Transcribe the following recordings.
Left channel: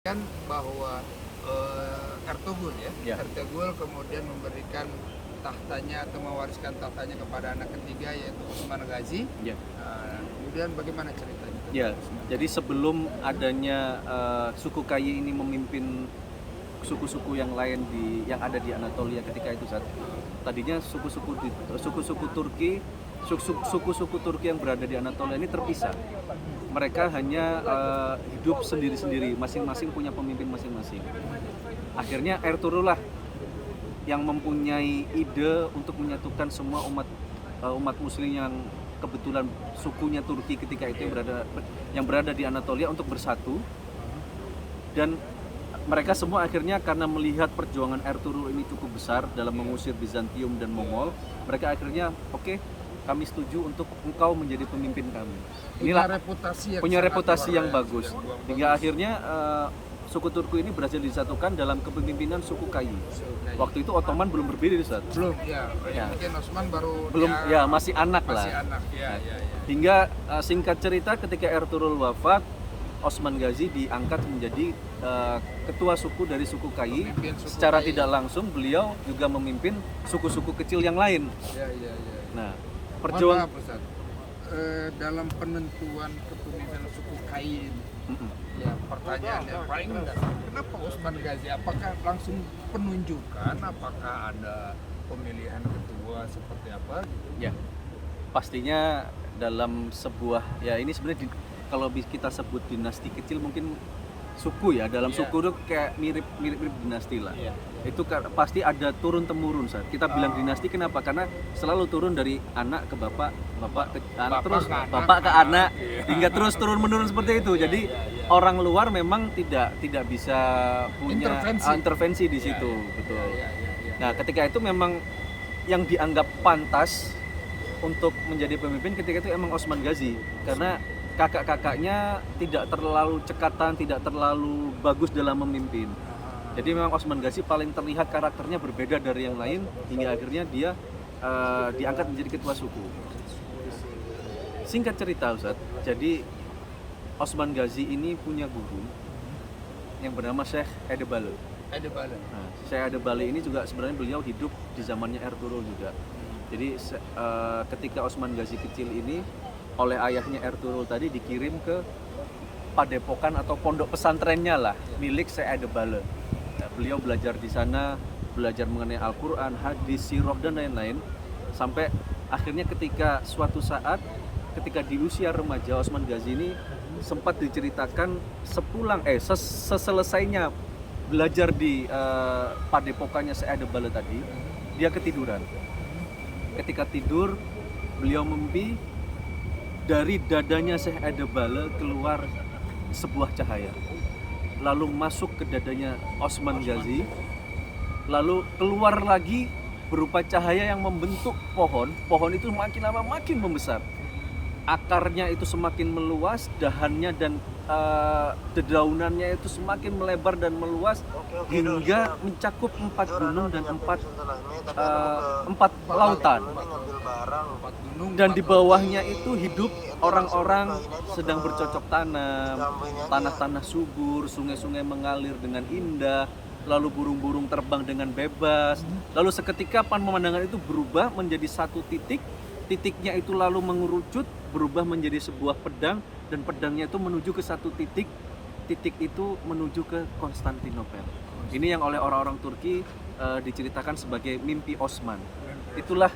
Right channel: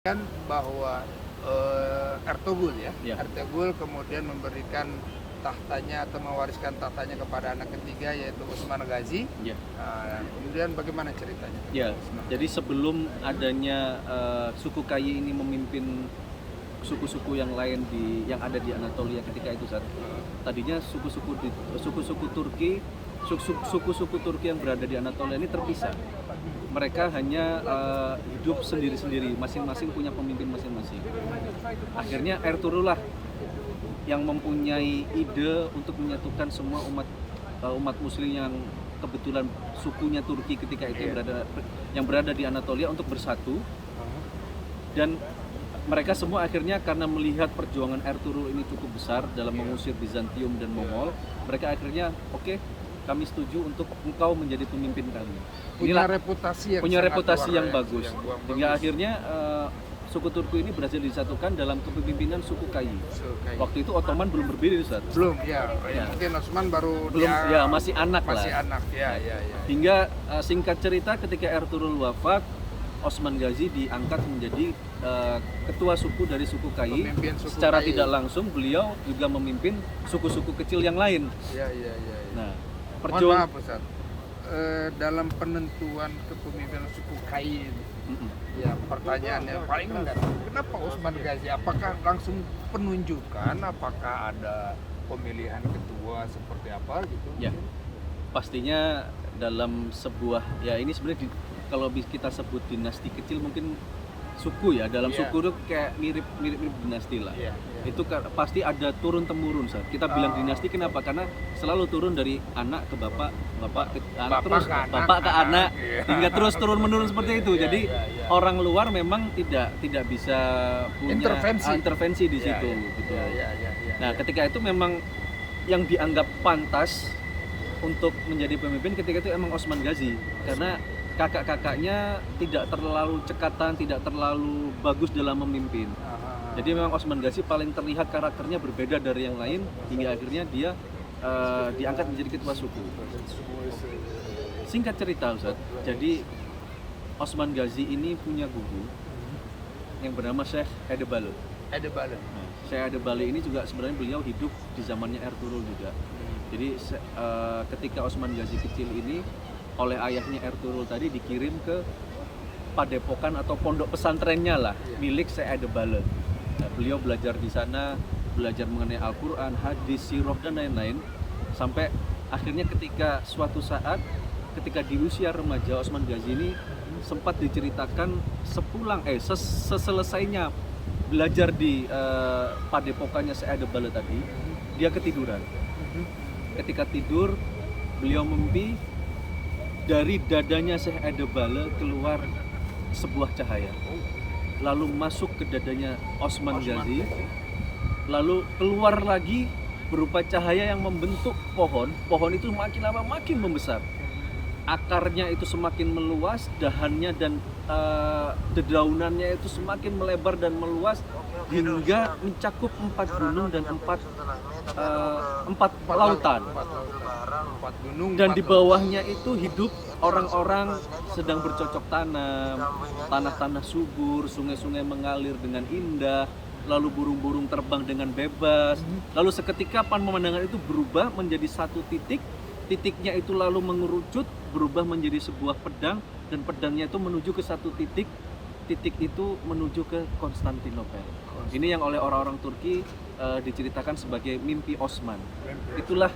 kan bahwa Ertugrul Ya. Ertugrul kemudian memberikan tahtanya atau mewariskan tahtanya kepada anak ketiga yaitu Utsman Ghazi. Ya. Kemudian bagaimana ceritanya tentang Ya, Utsman jadi Ghazi? sebelum adanya suku Kayi ini memimpin suku-suku yang lain yang ada di Anatolia ketika itu tadinya suku-suku Turki yang berada di Anatolia ini terpisah. Mereka hanya hidup sendiri-sendiri, masing-masing punya pemimpin masing-masing. Akhirnya Ertugrul lah yang mempunyai ide untuk menyatukan semua umat Muslim yang kebetulan sukunya Turki ketika itu yang berada di Anatolia untuk bersatu. Dan mereka semua akhirnya karena melihat perjuangan Ertugrul ini cukup besar dalam mengusir Bizantium dan Mongol, mereka akhirnya oke, kami setuju untuk engkau menjadi pemimpin kami. Punya reputasi yang bagus. Hingga bagus. akhirnya suku Turki ini berhasil disatukan dalam kepemimpinan suku Kayi. Waktu itu Ottoman belum berdiri, Ustaz. Belum, mungkin Utsman baru masih anak lah. Hingga singkat cerita ketika Ertugrul wafat, Utsman Ghazi diangkat menjadi ketua suku dari suku Kayi. Secara Kayi. tidak langsung beliau juga memimpin suku-suku kecil yang lain. Nah, perjuangan Ustaz, dalam penentuan kepemimpinan suku Kayi ini, ya pertanyaannya paling mendasar, kenapa Utsman Ghazi? Apakah langsung penunjukan? Apakah ada pemilihan ketua seperti apa gitu? Ya, pastinya dalam sebuah ini sebenarnya kalau kita sebut dinasti kecil mungkin suku ya, dalam suku itu kayak mirip dinasti lah. Itu pasti ada turun temurun saat kita bilang dinasti. Kenapa? Karena selalu turun dari anak ke bapak ke anak, terus bapak ke anak, hingga terus turun menurun seperti itu. Jadi orang luar memang tidak bisa punya intervensi di situ. Betul. Nah, ketika itu memang yang dianggap pantas untuk menjadi pemimpin ketika itu emang Utsman Ghazi, karena kakak-kakaknya tidak terlalu cekatan, tidak terlalu bagus dalam memimpin. Jadi memang Utsman Ghazi paling terlihat karakternya berbeda dari yang lain, hingga akhirnya dia diangkat menjadi ketua suku. Singkat cerita, Ustaz, jadi Utsman Ghazi ini punya guru yang bernama Syekh Edebali. Nah, Syekh Edebali ini juga sebenarnya beliau hidup di zamannya Ertugrul juga. Jadi ketika Utsman Ghazi kecil ini oleh ayahnya Ertugrul tadi dikirim ke padepokan atau pondok pesantrennya lah, milik Syekh Edebali. Nah, beliau belajar di sana, belajar mengenai Al-Quran, hadis, sirah dan lain-lain, sampai akhirnya ketika suatu saat ketika di usia remaja Utsman Ghazi ini sempat diceritakan seselesainya belajar di padepokannya Syekh Edebali tadi, dia ketiduran. Ketika tidur, beliau mimpi dari dadanya Syekh Edebali keluar sebuah cahaya, lalu masuk ke dadanya Utsman Ghazi, lalu keluar lagi berupa cahaya yang membentuk pohon itu makin lama makin membesar, akarnya itu semakin meluas, dahannya dan dedaunannya itu semakin melebar dan meluas hingga mencakup 4 gunung dan 4 lautan. Dan di bawahnya itu hidup orang-orang sedang bercocok tanam, tanah-tanah subur, sungai-sungai mengalir dengan indah, lalu burung-burung terbang dengan bebas. Lalu seketika pemandangan itu berubah menjadi satu titiknya itu lalu mengerucut, berubah menjadi sebuah pedang, dan pedangnya itu menuju ke satu titik itu menuju ke Konstantinopel. Ini yang oleh orang-orang Turki diceritakan sebagai mimpi Osman. Itulah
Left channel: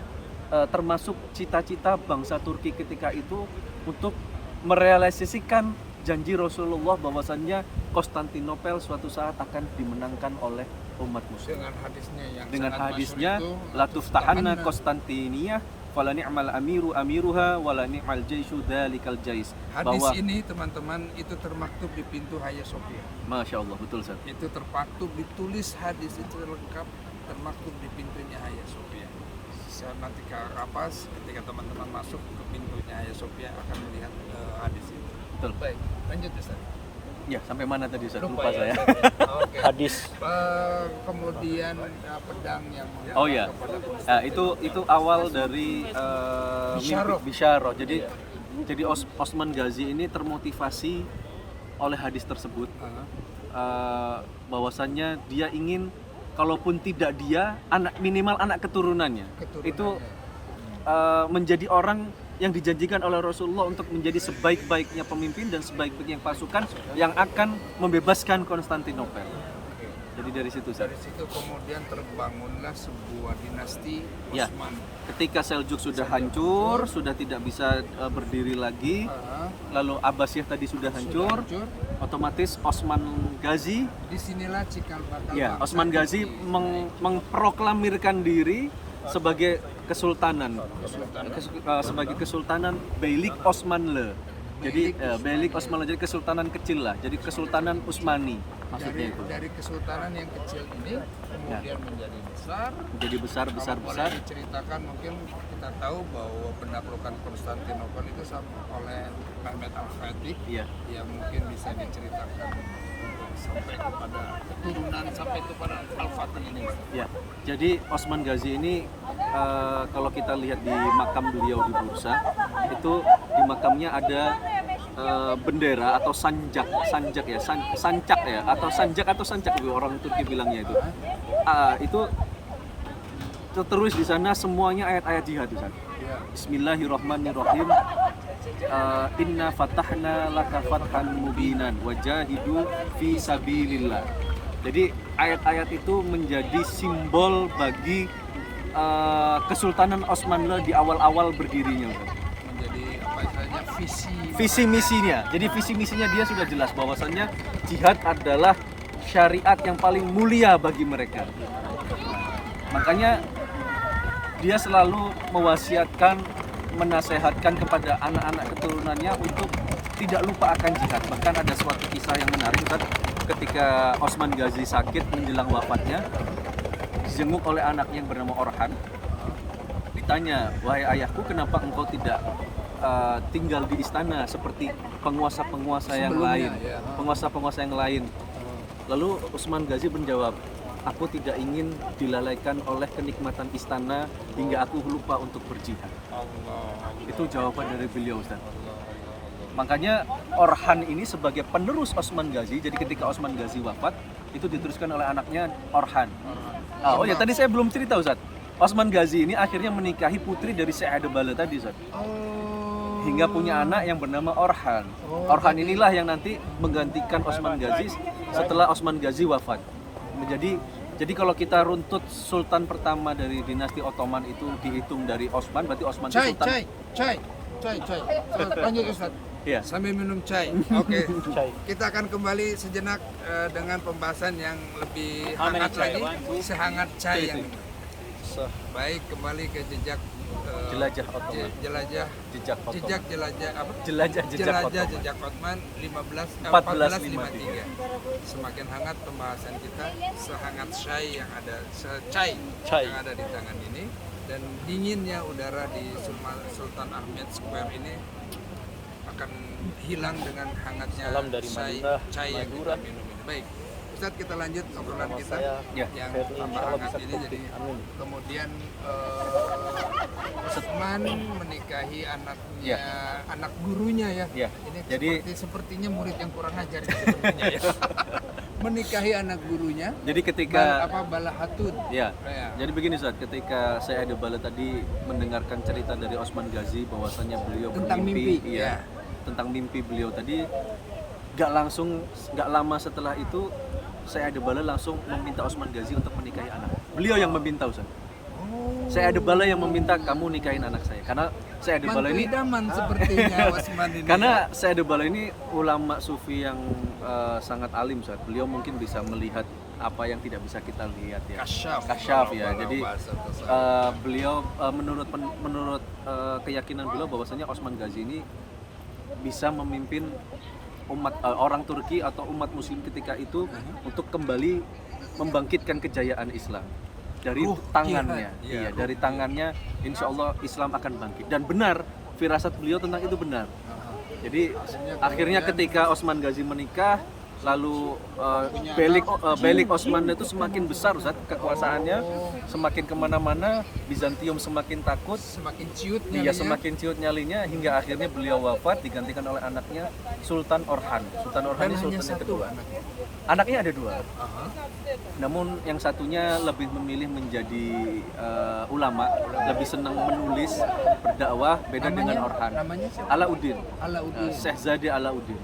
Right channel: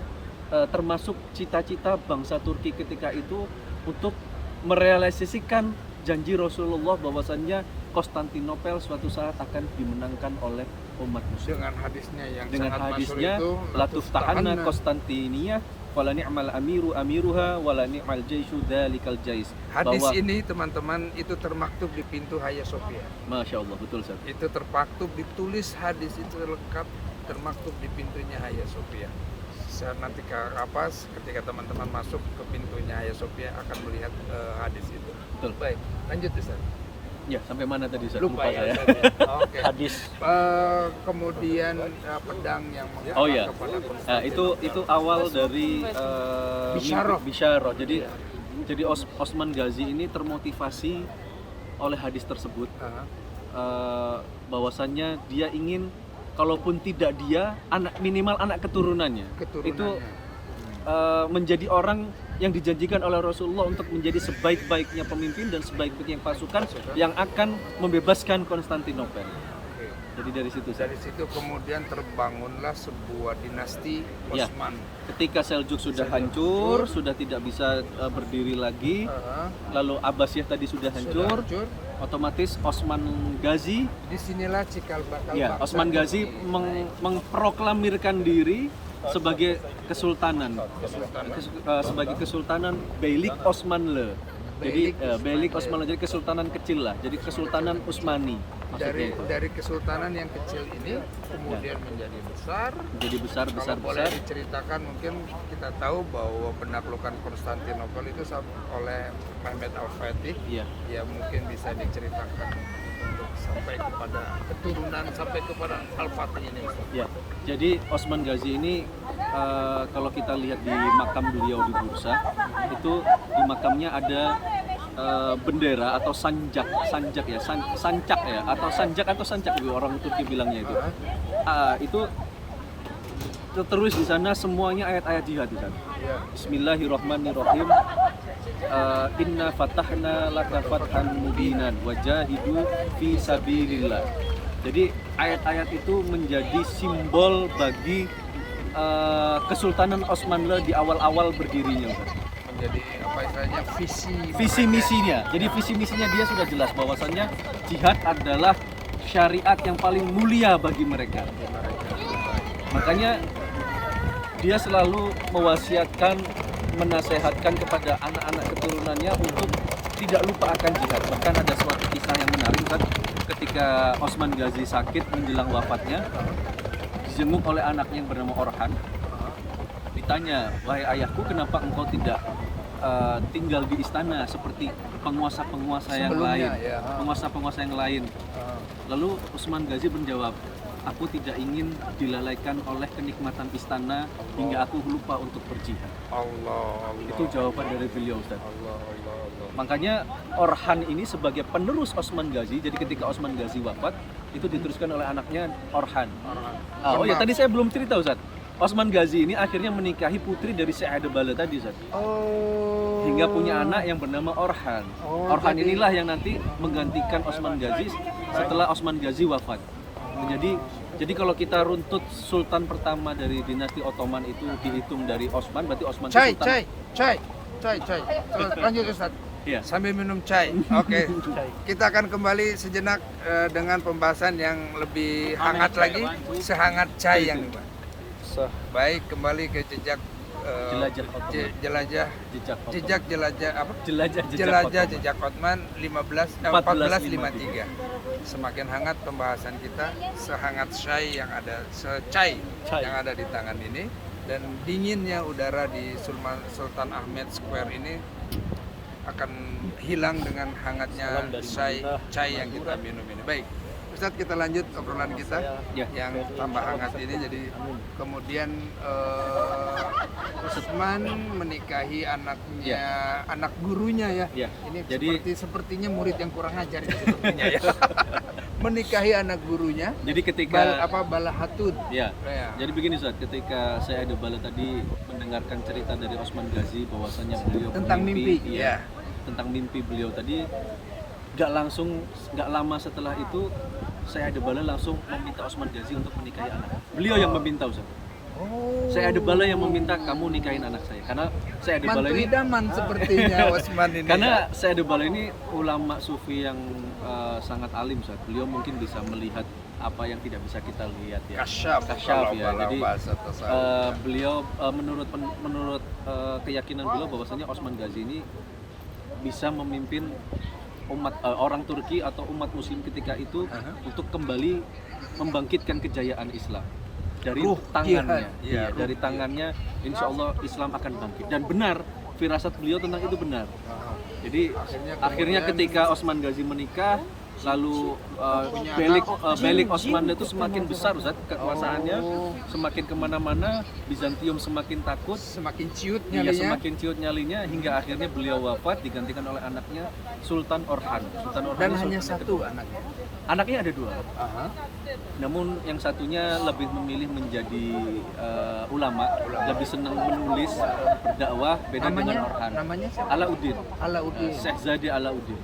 termasuk cita-cita bangsa Turki ketika itu untuk merealisasikan janji Rasulullah bahwasannya Konstantinopel suatu saat akan dimenangkan oleh umat muslim. Dengan hadisnya la tuftahanna Konstantiniyah wala ni'mal amiru amiruha wala ni'mal jaishu dalikal jais. Hadis ini teman-teman itu termaktub di pintu Hagia Sophia. Masya Allah, betul Ustaz. Itu termaktub, ditulis hadis itu lengkap termaktub di pintunya Hagia Sophia. Nanti ketika teman-teman masuk ke pintunya Hagia Sophia akan melihat hadis itu. Betul. Baik, lanjut Ustaz. Ya, sampai mana tadi Ustaz? Lupa saya. Oke. Hadis. Kemudian pedang yang mengarah kepada Konstantinopel. Itu awal dari Bisyarah. Jadi Utsman Ghazi ini termotivasi oleh hadis tersebut. bahwasannya dia ingin kalaupun tidak dia, minimal anak keturunannya itu menjadi orang yang dijanjikan oleh Rasulullah untuk menjadi sebaik-baiknya pemimpin dan sebaik-baiknya pasukan yang akan membebaskan Konstantinopel. Jadi dari situ kemudian terbangunlah sebuah dinasti Osman. Ketika Seljuk sudah hancur, sudah tidak bisa berdiri lagi, lalu Abbasiyah tadi sudah hancur, otomatis Osman Ghazi. Disinilah cikal bakal Osman Ghazi mengproklamirkan diri sebagai kesultanan. Sebagai kesultanan Beylik Osmanlı. Jadi Beylik Osmanlı jadi kesultanan kecil lah. Jadi kesultanan Utsmani. Dari kesultanan yang kecil ini kemudian menjadi besar. Besar. Boleh diceritakan, mungkin kita tahu bahwa penaklukan Konstantinopel itu oleh Mehmet Al-Fatih. Ya mungkin bisa diceritakan untuk sampai kepada keturunan sampai kepada Al-Fatih ini. Ya. Jadi Osman Ghazi ini kalau kita lihat di makam beliau di Bursa, itu di makamnya ada bendera atau sancak orang Turki bilangnya itu. Itu tertulis di sana semuanya ayat-ayat jihad di sana. Bismillahirrahmanirrahim. Inna fatahna laka fathan mubinan wajahidu fi sabilillah. Jadi ayat-ayat itu menjadi simbol bagi Kesultanan Osmanlı di awal-awal berdirinya. Menjadi apa istilahnya visi misinya. Jadi visi misinya dia sudah jelas bahwasannya jihad adalah syariat yang paling mulia bagi mereka. Makanya dia selalu mewasiatkan, menasehatkan kepada anak-anak keturunannya untuk tidak lupa akan jihad. Bahkan ada suatu kisah yang menarik, ketika Osman Ghazi sakit menjelang wafatnya, dijenguk oleh anaknya yang bernama Orhan. Ditanya, wahai ayahku, kenapa engkau tidak tinggal di istana seperti penguasa-penguasa yang lain, penguasa-penguasa yang lain. Lalu Osman Ghazi menjawab, aku tidak ingin dilalaikan oleh kenikmatan istana hingga aku lupa untuk berjihad. Allah. Itu jawaban dari beliau, Ustaz. Allah. Makanya Orhan ini sebagai penerus Osman Ghazi, jadi ketika Osman Ghazi wafat, itu diteruskan oleh anaknya Orhan. Oh ya, tadi saya belum cerita, Ustaz. Osman Ghazi ini akhirnya menikahi putri dari Sayyidabala tadi, Ustaz. Hingga punya anak yang bernama Orhan. Orhan inilah yang nanti menggantikan Osman Ghazi setelah Osman Ghazi wafat. Jadi kalau kita runtut sultan pertama dari dinasti Ottoman itu dihitung dari Osman, berarti Osman itu sultan. Cai. Lanjut, Ustaz. Sambil minum cai. Oke. Kita akan kembali sejenak dengan pembahasan yang lebih hangat lagi, sehangat cai yang ini. Baik, kembali ke jejak jelajah Ottoman 1453. Semakin hangat pembahasan kita, sehangat cai yang ada yang ada di tangan ini, dan dinginnya udara di Sultan Ahmed Square ini akan hilang dengan hangatnya cai yang kita minum ini. Baik, Ustadz, kita lanjut obrolan kita yang tambah hangat ini. Jadi kemudian Utsman menikahi anak gurunya ya. Ini sepertinya murid yang kurang ajar ini sepertinya ya. Menikahi anak gurunya. Jadi ketika Balahatun. Jadi begini, Ustaz, ketika Sayyidabala tadi mendengarkan cerita dari Osman Ghazi bahwasanya beliau tentang mimpi. Tentang mimpi beliau tadi, gak lama setelah itu Sayyidabala langsung meminta Osman Ghazi untuk menikahi anak. Beliau yang meminta, Ustaz. Sayyidabala yang meminta, kamu nikahin anak saya. Karena Sayyidabala ini idaman sepertinya Osman ini. Karena Sayyidabala ini ulama sufi yang sangat alim, Ustaz. Beliau mungkin bisa melihat apa yang tidak bisa kita lihat ya. Kasyaf ya. Jadi beliau menurut keyakinan beliau bahwasanya Osman Ghazi ini bisa memimpin umat orang Turki atau umat Muslim ketika itu untuk kembali membangkitkan kejayaan Islam dari tangannya. Dari tangannya, insya Allah Islam akan bangkit. Dan benar, firasat beliau tentang itu benar. Jadi akhirnya ketika Osman Ghazi menikah, lalu Beylik Osman itu semakin besar, Ustaz, kekuasaannya semakin kemana-mana, Bizantium semakin takut, semakin ciut nyalinya hingga akhirnya beliau wafat digantikan oleh anaknya Sultan Orhan. Dan hanya satu anaknya. Anaknya ada 2. Aha. Namun yang satunya lebih memilih menjadi ulama, lebih senang menulis, berdakwah, beda dengan Orhan. Namanya siapa? Alauddin. Alauddin. Syekh Zadi Alauddin.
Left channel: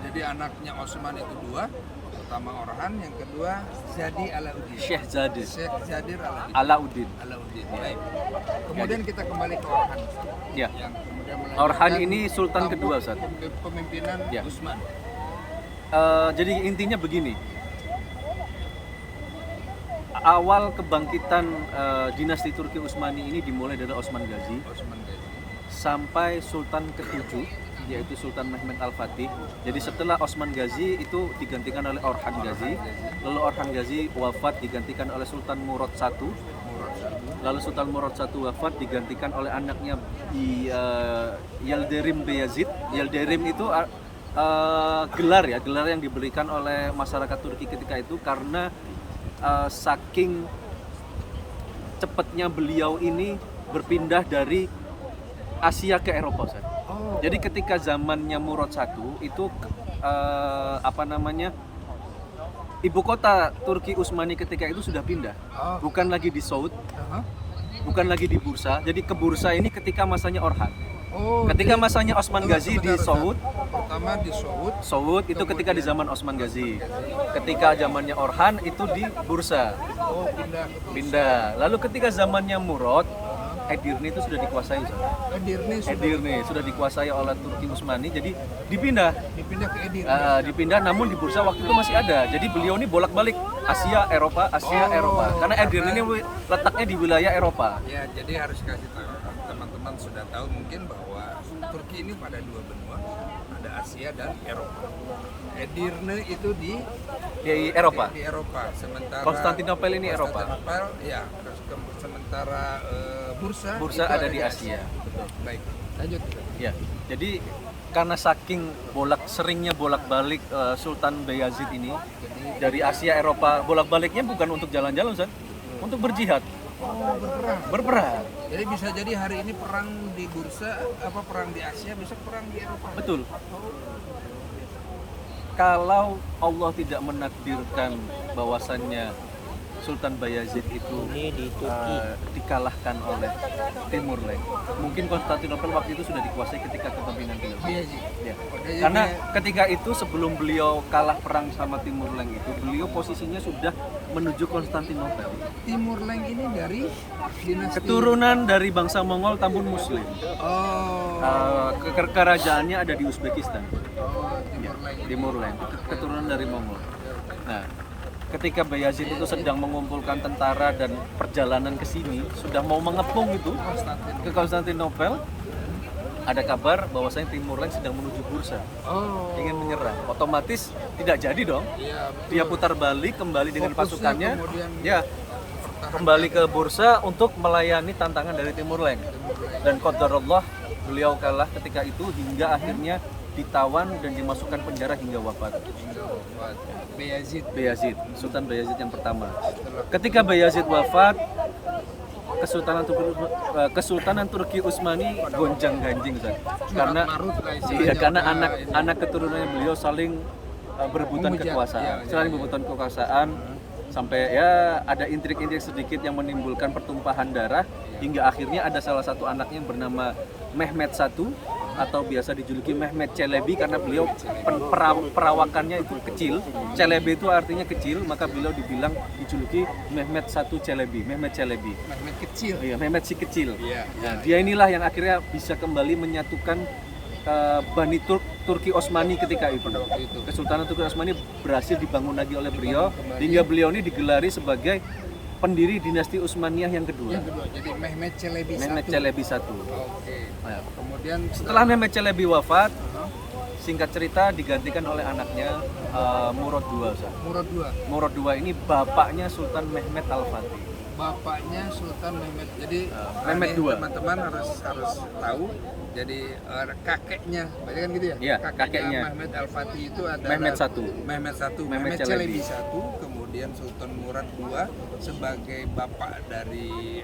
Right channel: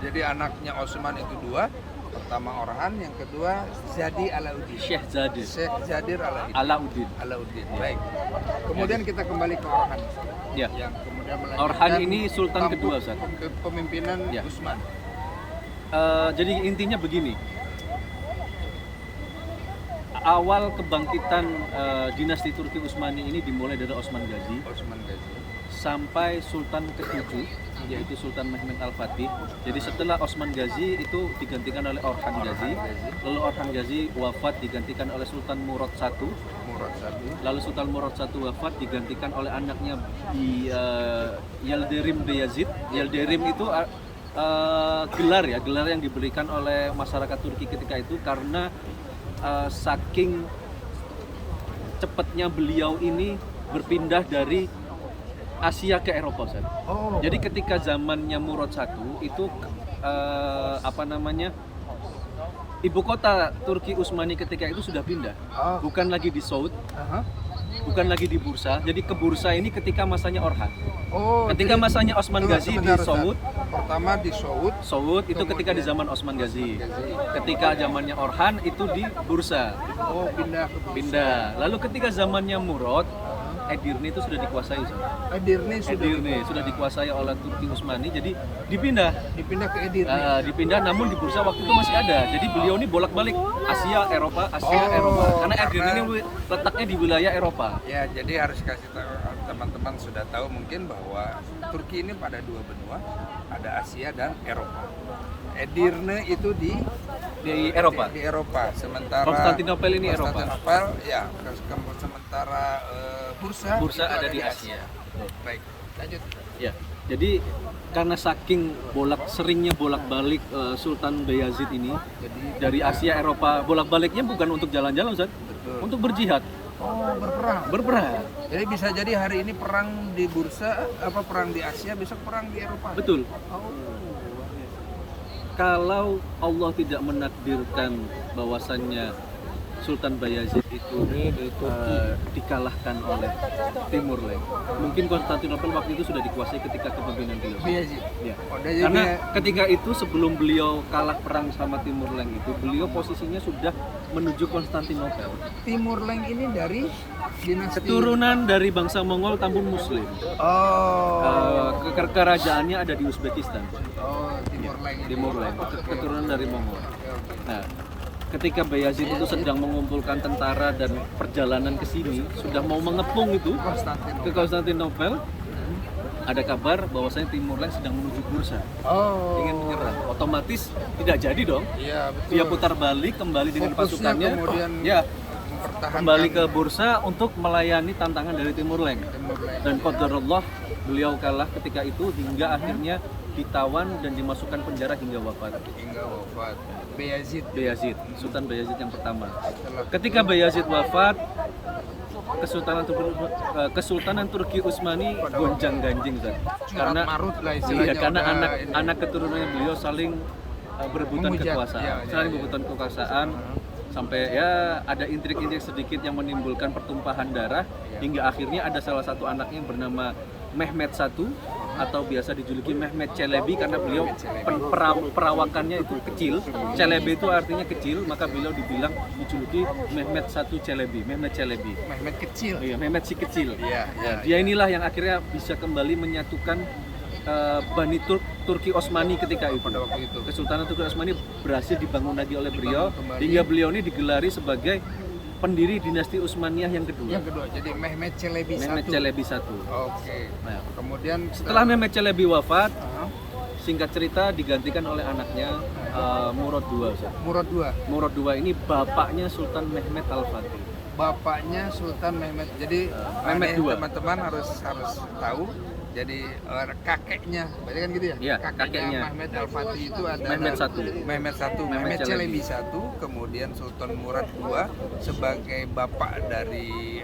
Jadi anaknya Osman itu 2. Pertama Orhan, yang kedua Zadi Alauddin. Syekh Zadi Syekh Zadir Alauddin. Alauddin. Baik. Kemudian kita kembali ke Orhan. Ya. Yang kemudian melanjutkan Orhan ini sultan tampuk kedua, Ustaz. Pemimpinan Ya. Utsman. Jadi intinya begini. Awal kebangkitan dinasti Turki Utsmani ini dimulai dari Osman Gazi Osman Gazi. sampai Sultan ke-7 yaitu Sultan Mehmed Al-Fatih. Jadi setelah Osman Gazi itu digantikan oleh Orhan Gazi. Lalu Orhan Gazi wafat digantikan oleh Sultan Murad I. Lalu Sultan Murad I wafat digantikan oleh anaknya Yildirim Beyazid. Yildirim itu gelar yang diberikan oleh masyarakat Turki ketika itu karena saking cepatnya beliau ini berpindah dari Asia ke Eropa, Ustaz. Oh. Jadi ketika zamannya Murad I itu ibu kota Turki Utsmani ketika itu sudah pindah, bukan lagi di Saud, bukan lagi di Bursa. Jadi ke Bursa ini ketika masanya Orhan. Oh. Ketika masanya Osman Gazi di Saud, pertama di Saud itu ketika di zaman Osman Gazi. Ketika zamannya Orhan itu di Bursa. Oh, pindah ke Bursa. Pindah. Lalu ketika zamannya Murad, Edirne itu sudah dikuasai, Ustaz. Edirne Sudah dikuasai oleh Turki Utsmani, jadi dipindah ke Edirne. dipindah, namun di Bursa waktu itu masih ada. Jadi beliau ini bolak-balik Asia Eropa karena Edirne ini letaknya di wilayah Eropa. Ya, jadi harus kasih tahu teman-teman sudah tahu mungkin bahwa Turki ini pada 2 benua, ada Asia dan Eropa. Edirne itu di Eropa. Di Eropa. Sementara Konstantinopel ini Eropa. Ya, sementara Bursa itu ada di Asia. Betul. Baik, lanjut. Ya, jadi karena saking seringnya bolak-balik Sultan Beyazid ini, jadi dari Asia Eropa bolak-baliknya bukan untuk jalan-jalan, Ustaz, untuk berjihad. Oh, berperang. Jadi bisa jadi hari ini perang di Bursa, perang di Asia, besok perang di Eropa. Betul. Oh. Kalau Allah tidak menakdirkan bahwasannya Sultan Bayazid itu ini di Turki dikalahkan oleh Timur Leng, mungkin Konstantinopel waktu itu sudah dikuasai ketika kepemimpinan beliau. Ya. Karena ketika itu sebelum beliau kalah perang sama Timur Leng itu, beliau posisinya sudah menuju Konstantinopel. Timur Leng ini dari dinasti keturunan dari bangsa Mongol Tambun Muslim. Oh. Kerajaannya ada di Uzbekistan. Oh, Timur Leng. Keturunan dari Mongol. Nah, ketika Bayazid itu sedang mengumpulkan tentara dan perjalanan ke sini, sudah mau mengepung itu ke Konstantinopel, ada kabar bahwasanya Timur Leng sedang menuju Bursa. Ingin menyerang. Otomatis tidak jadi dong. Iya, betul. Dia putar balik kembali dengan pasukannya. Kemudian kembali ke Bursa untuk melayani tantangan dari Timur Leng. Dan qadarullah beliau kalah ketika itu hingga akhirnya ditawan dan dimasukkan penjara hingga wafat. Bayazid, Sultan Bayazid yang pertama. Ketika Bayazid wafat, Kesultanan Turki Utsmani gonjang-ganjing, karena anak keturunan beliau saling berebutan kekuasaan, sampai ya ada intrik-intrik sedikit yang menimbulkan pertumpahan darah hingga akhirnya ada salah satu anaknya yang bernama Mehmed I atau biasa dijuluki Mehmed Çelebi karena beliau perawakannya itu kecil. Çelebi itu artinya kecil, maka beliau dijuluki Mehmed I Çelebi. Mehmed kecil. Iya, Mehmed si kecil. Dia inilah yang akhirnya bisa kembali menyatukan Bani Turki Utsmani ketika itu. Pada waktu itu. Kesultanan Turki Utsmani berhasil dibangun lagi oleh beliau hingga beliau ini digelari sebagai pendiri dinasti Utsmaniyah yang kedua. Jadi Mehmed Çelebi I. Oke. Nah, kemudian setelah Mehmed Çelebi wafat, singkat cerita digantikan oleh anaknya Murad II. Murad II ini bapaknya Sultan Mehmed Al-Fatih. Bapaknya Sultan Mehmed. Jadi Mehmed II. Teman-teman harus tahu. Jadi kakeknya, berarti kan gitu ya? Iya, kakeknya Mehmed Al-Fatih itu adalah Mehmed Çelebi I, kemudian Sultan Murad II sebagai bapak dari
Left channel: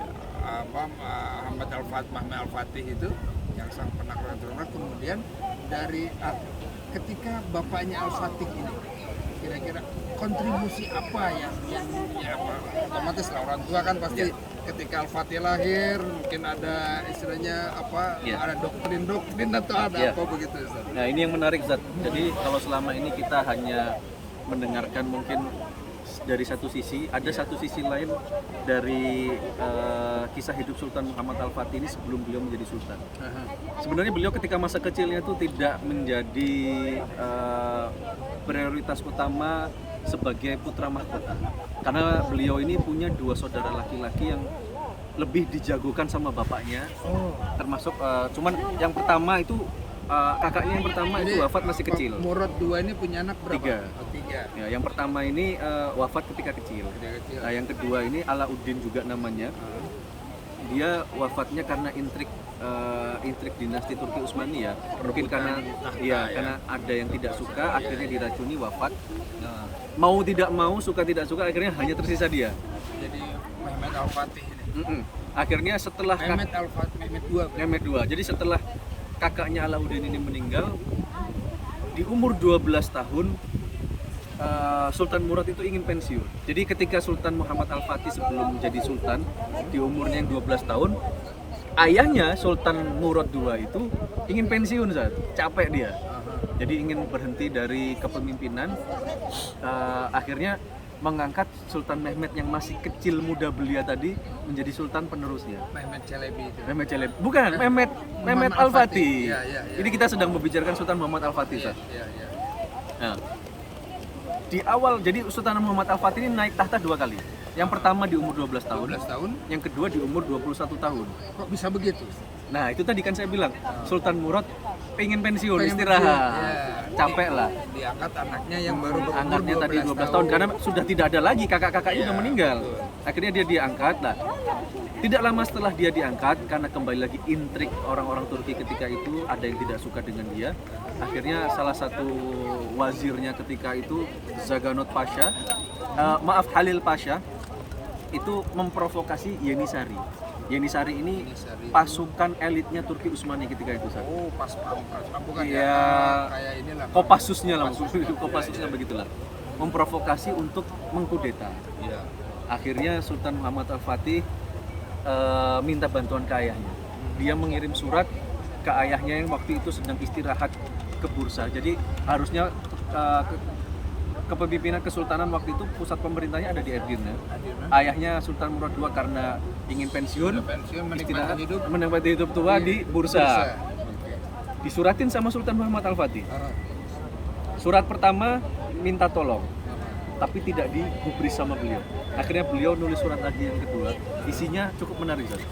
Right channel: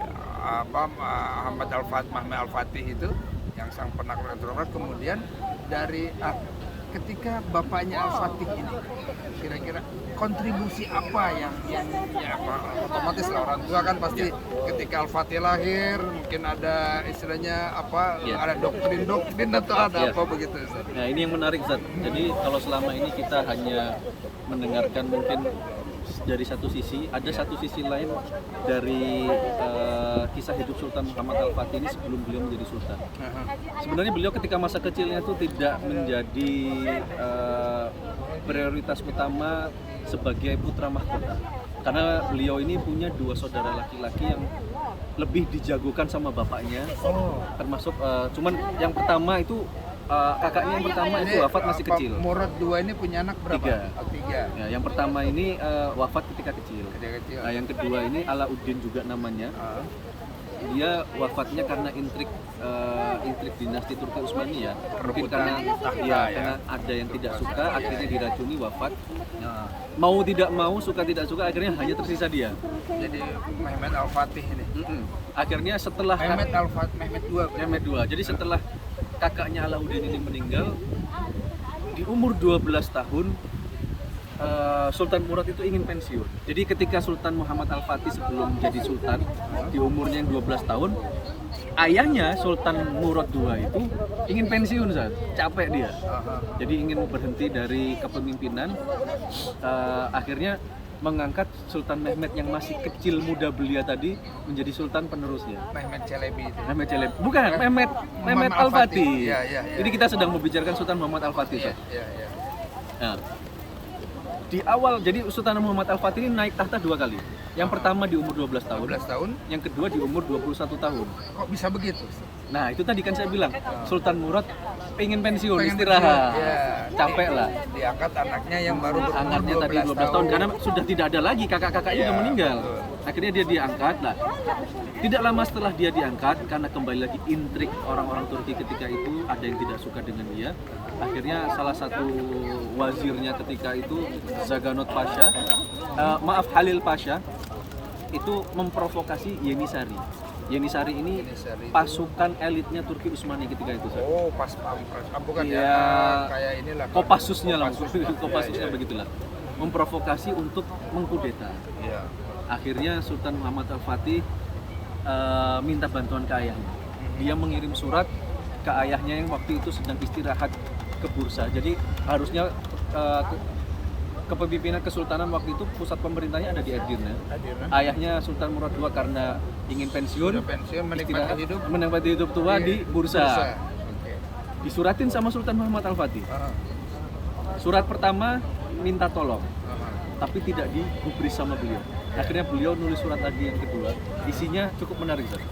Mehmed Al-Fatih itu yang sang penakluk keturunan. Kemudian dari ketika bapaknya Al-Fatih ini kira-kira kontribusi apa yang ya apa, otomatis lah orang tua kan pasti ketika Al-Fatih lahir mungkin ada istilahnya apa, Iya. ada doktrin atau ada Iya. apa begitu Ustaz. Nah ini yang menarik Zat. Jadi kalau selama ini kita hanya mendengarkan mungkin dari satu sisi, ada satu sisi lain dari kisah hidup Sultan Muhammad Al-Fatih ini sebelum beliau menjadi sultan. Sebenarnya beliau ketika masa kecilnya itu tidak menjadi prioritas utama sebagai putra mahkota, karena beliau ini punya 2 saudara laki-laki yang lebih dijagokan sama bapaknya. Termasuk cuman yang pertama itu kakaknya yang pertama itu wafat masih kecil. Murad 2 ini punya anak berapa? 3. Oh, 3. Ya, yang pertama ini wafat ketika kecil. Kecil. Nah, yang kedua ini Alauddin juga namanya. Dia wafatnya karena intrik dinasti Turki Utsmani ya. Mungkin karena karena ada yang tidak suka, akhirnya diracuni, wafat. Nah, Mau tidak mau, suka tidak suka, akhirnya hanya tersisa dia. jadi Mehmet Al-Fatih ini. Akhirnya setelah Mehmet 2. Mehmet II. Jadi setelah kakaknya Alauddin ini meninggal di umur 12 tahun, Sultan Murad itu ingin pensiun. Jadi ketika Sultan Muhammad Al-Fatih sebelum jadi sultan di umurnya yang 12 tahun, ayahnya Sultan Murad II itu ingin pensiun saat capek dia. Jadi ingin berhenti dari kepemimpinan. Akhirnya mengangkat Sultan Mehmet yang masih kecil muda belia tadi menjadi sultan penerusnya. Mehmet Çelebi itu. Mehmet Çelebi. Bukan, Mehmet Al-Fatih. Iya, iya, iya. Jadi kita sedang membicarakan Sultan Muhammad Al-Fatih. Ustaz. Iya. Nah, di awal jadi Sultan Muhammad Al-Fatih ini naik tahta 2 kali. Yang pertama di umur 12 tahun, 12 tahun. yang kedua di umur 21 tahun. Kok bisa begitu? Nah, itu tadi kan saya bilang, Sultan Murad pengen pensiun, Pengen istirahat. pensiun, ya. Capek lah. Diangkat anaknya yang baru berumur Anaknya tadi 12 tahun karena sudah tidak ada lagi, kakak-kakaknya Iya, udah meninggal. betul. Akhirnya dia diangkat lah. Tidak lama setelah dia diangkat, karena kembali lagi intrik orang-orang Turki ketika itu, ada yang tidak suka dengan dia. Akhirnya salah satu wazirnya ketika itu, Zaganot Pasha, Halil Pasha, itu memprovokasi Yenisari. Yenisari ini Yenisari itu- pasukan elitnya Turki Utsmani ketika itu. Ustaz. Oh, pas pampres. Bukan Iya. ya, kayak inilah. Kopassusnya lah, Kopassusnya. Kopassusnya Iya, begitulah. Memprovokasi untuk mengkudeta. Iya. Akhirnya Sultan Muhammad Al-Fatih minta bantuan ke ayahnya. Dia mengirim surat ke ayahnya yang waktu itu sedang istirahat ke Bursa. Jadi harusnya kepemimpinan kesultanan waktu itu pusat pemerintahnya ada di Edirne. Hadirnya. Ayahnya Sultan Murad II karena ingin pensiun, Udah pensiun istirahat, menikmati hidup tua Iya, di Bursa. Oke. Disuratin sama Sultan Muhammad Al-Fatih. Surat pertama minta tolong, tapi tidak digubris sama beliau. Akhirnya beliau nulis surat lagi yang kedua, isinya cukup menarik. Ustaz.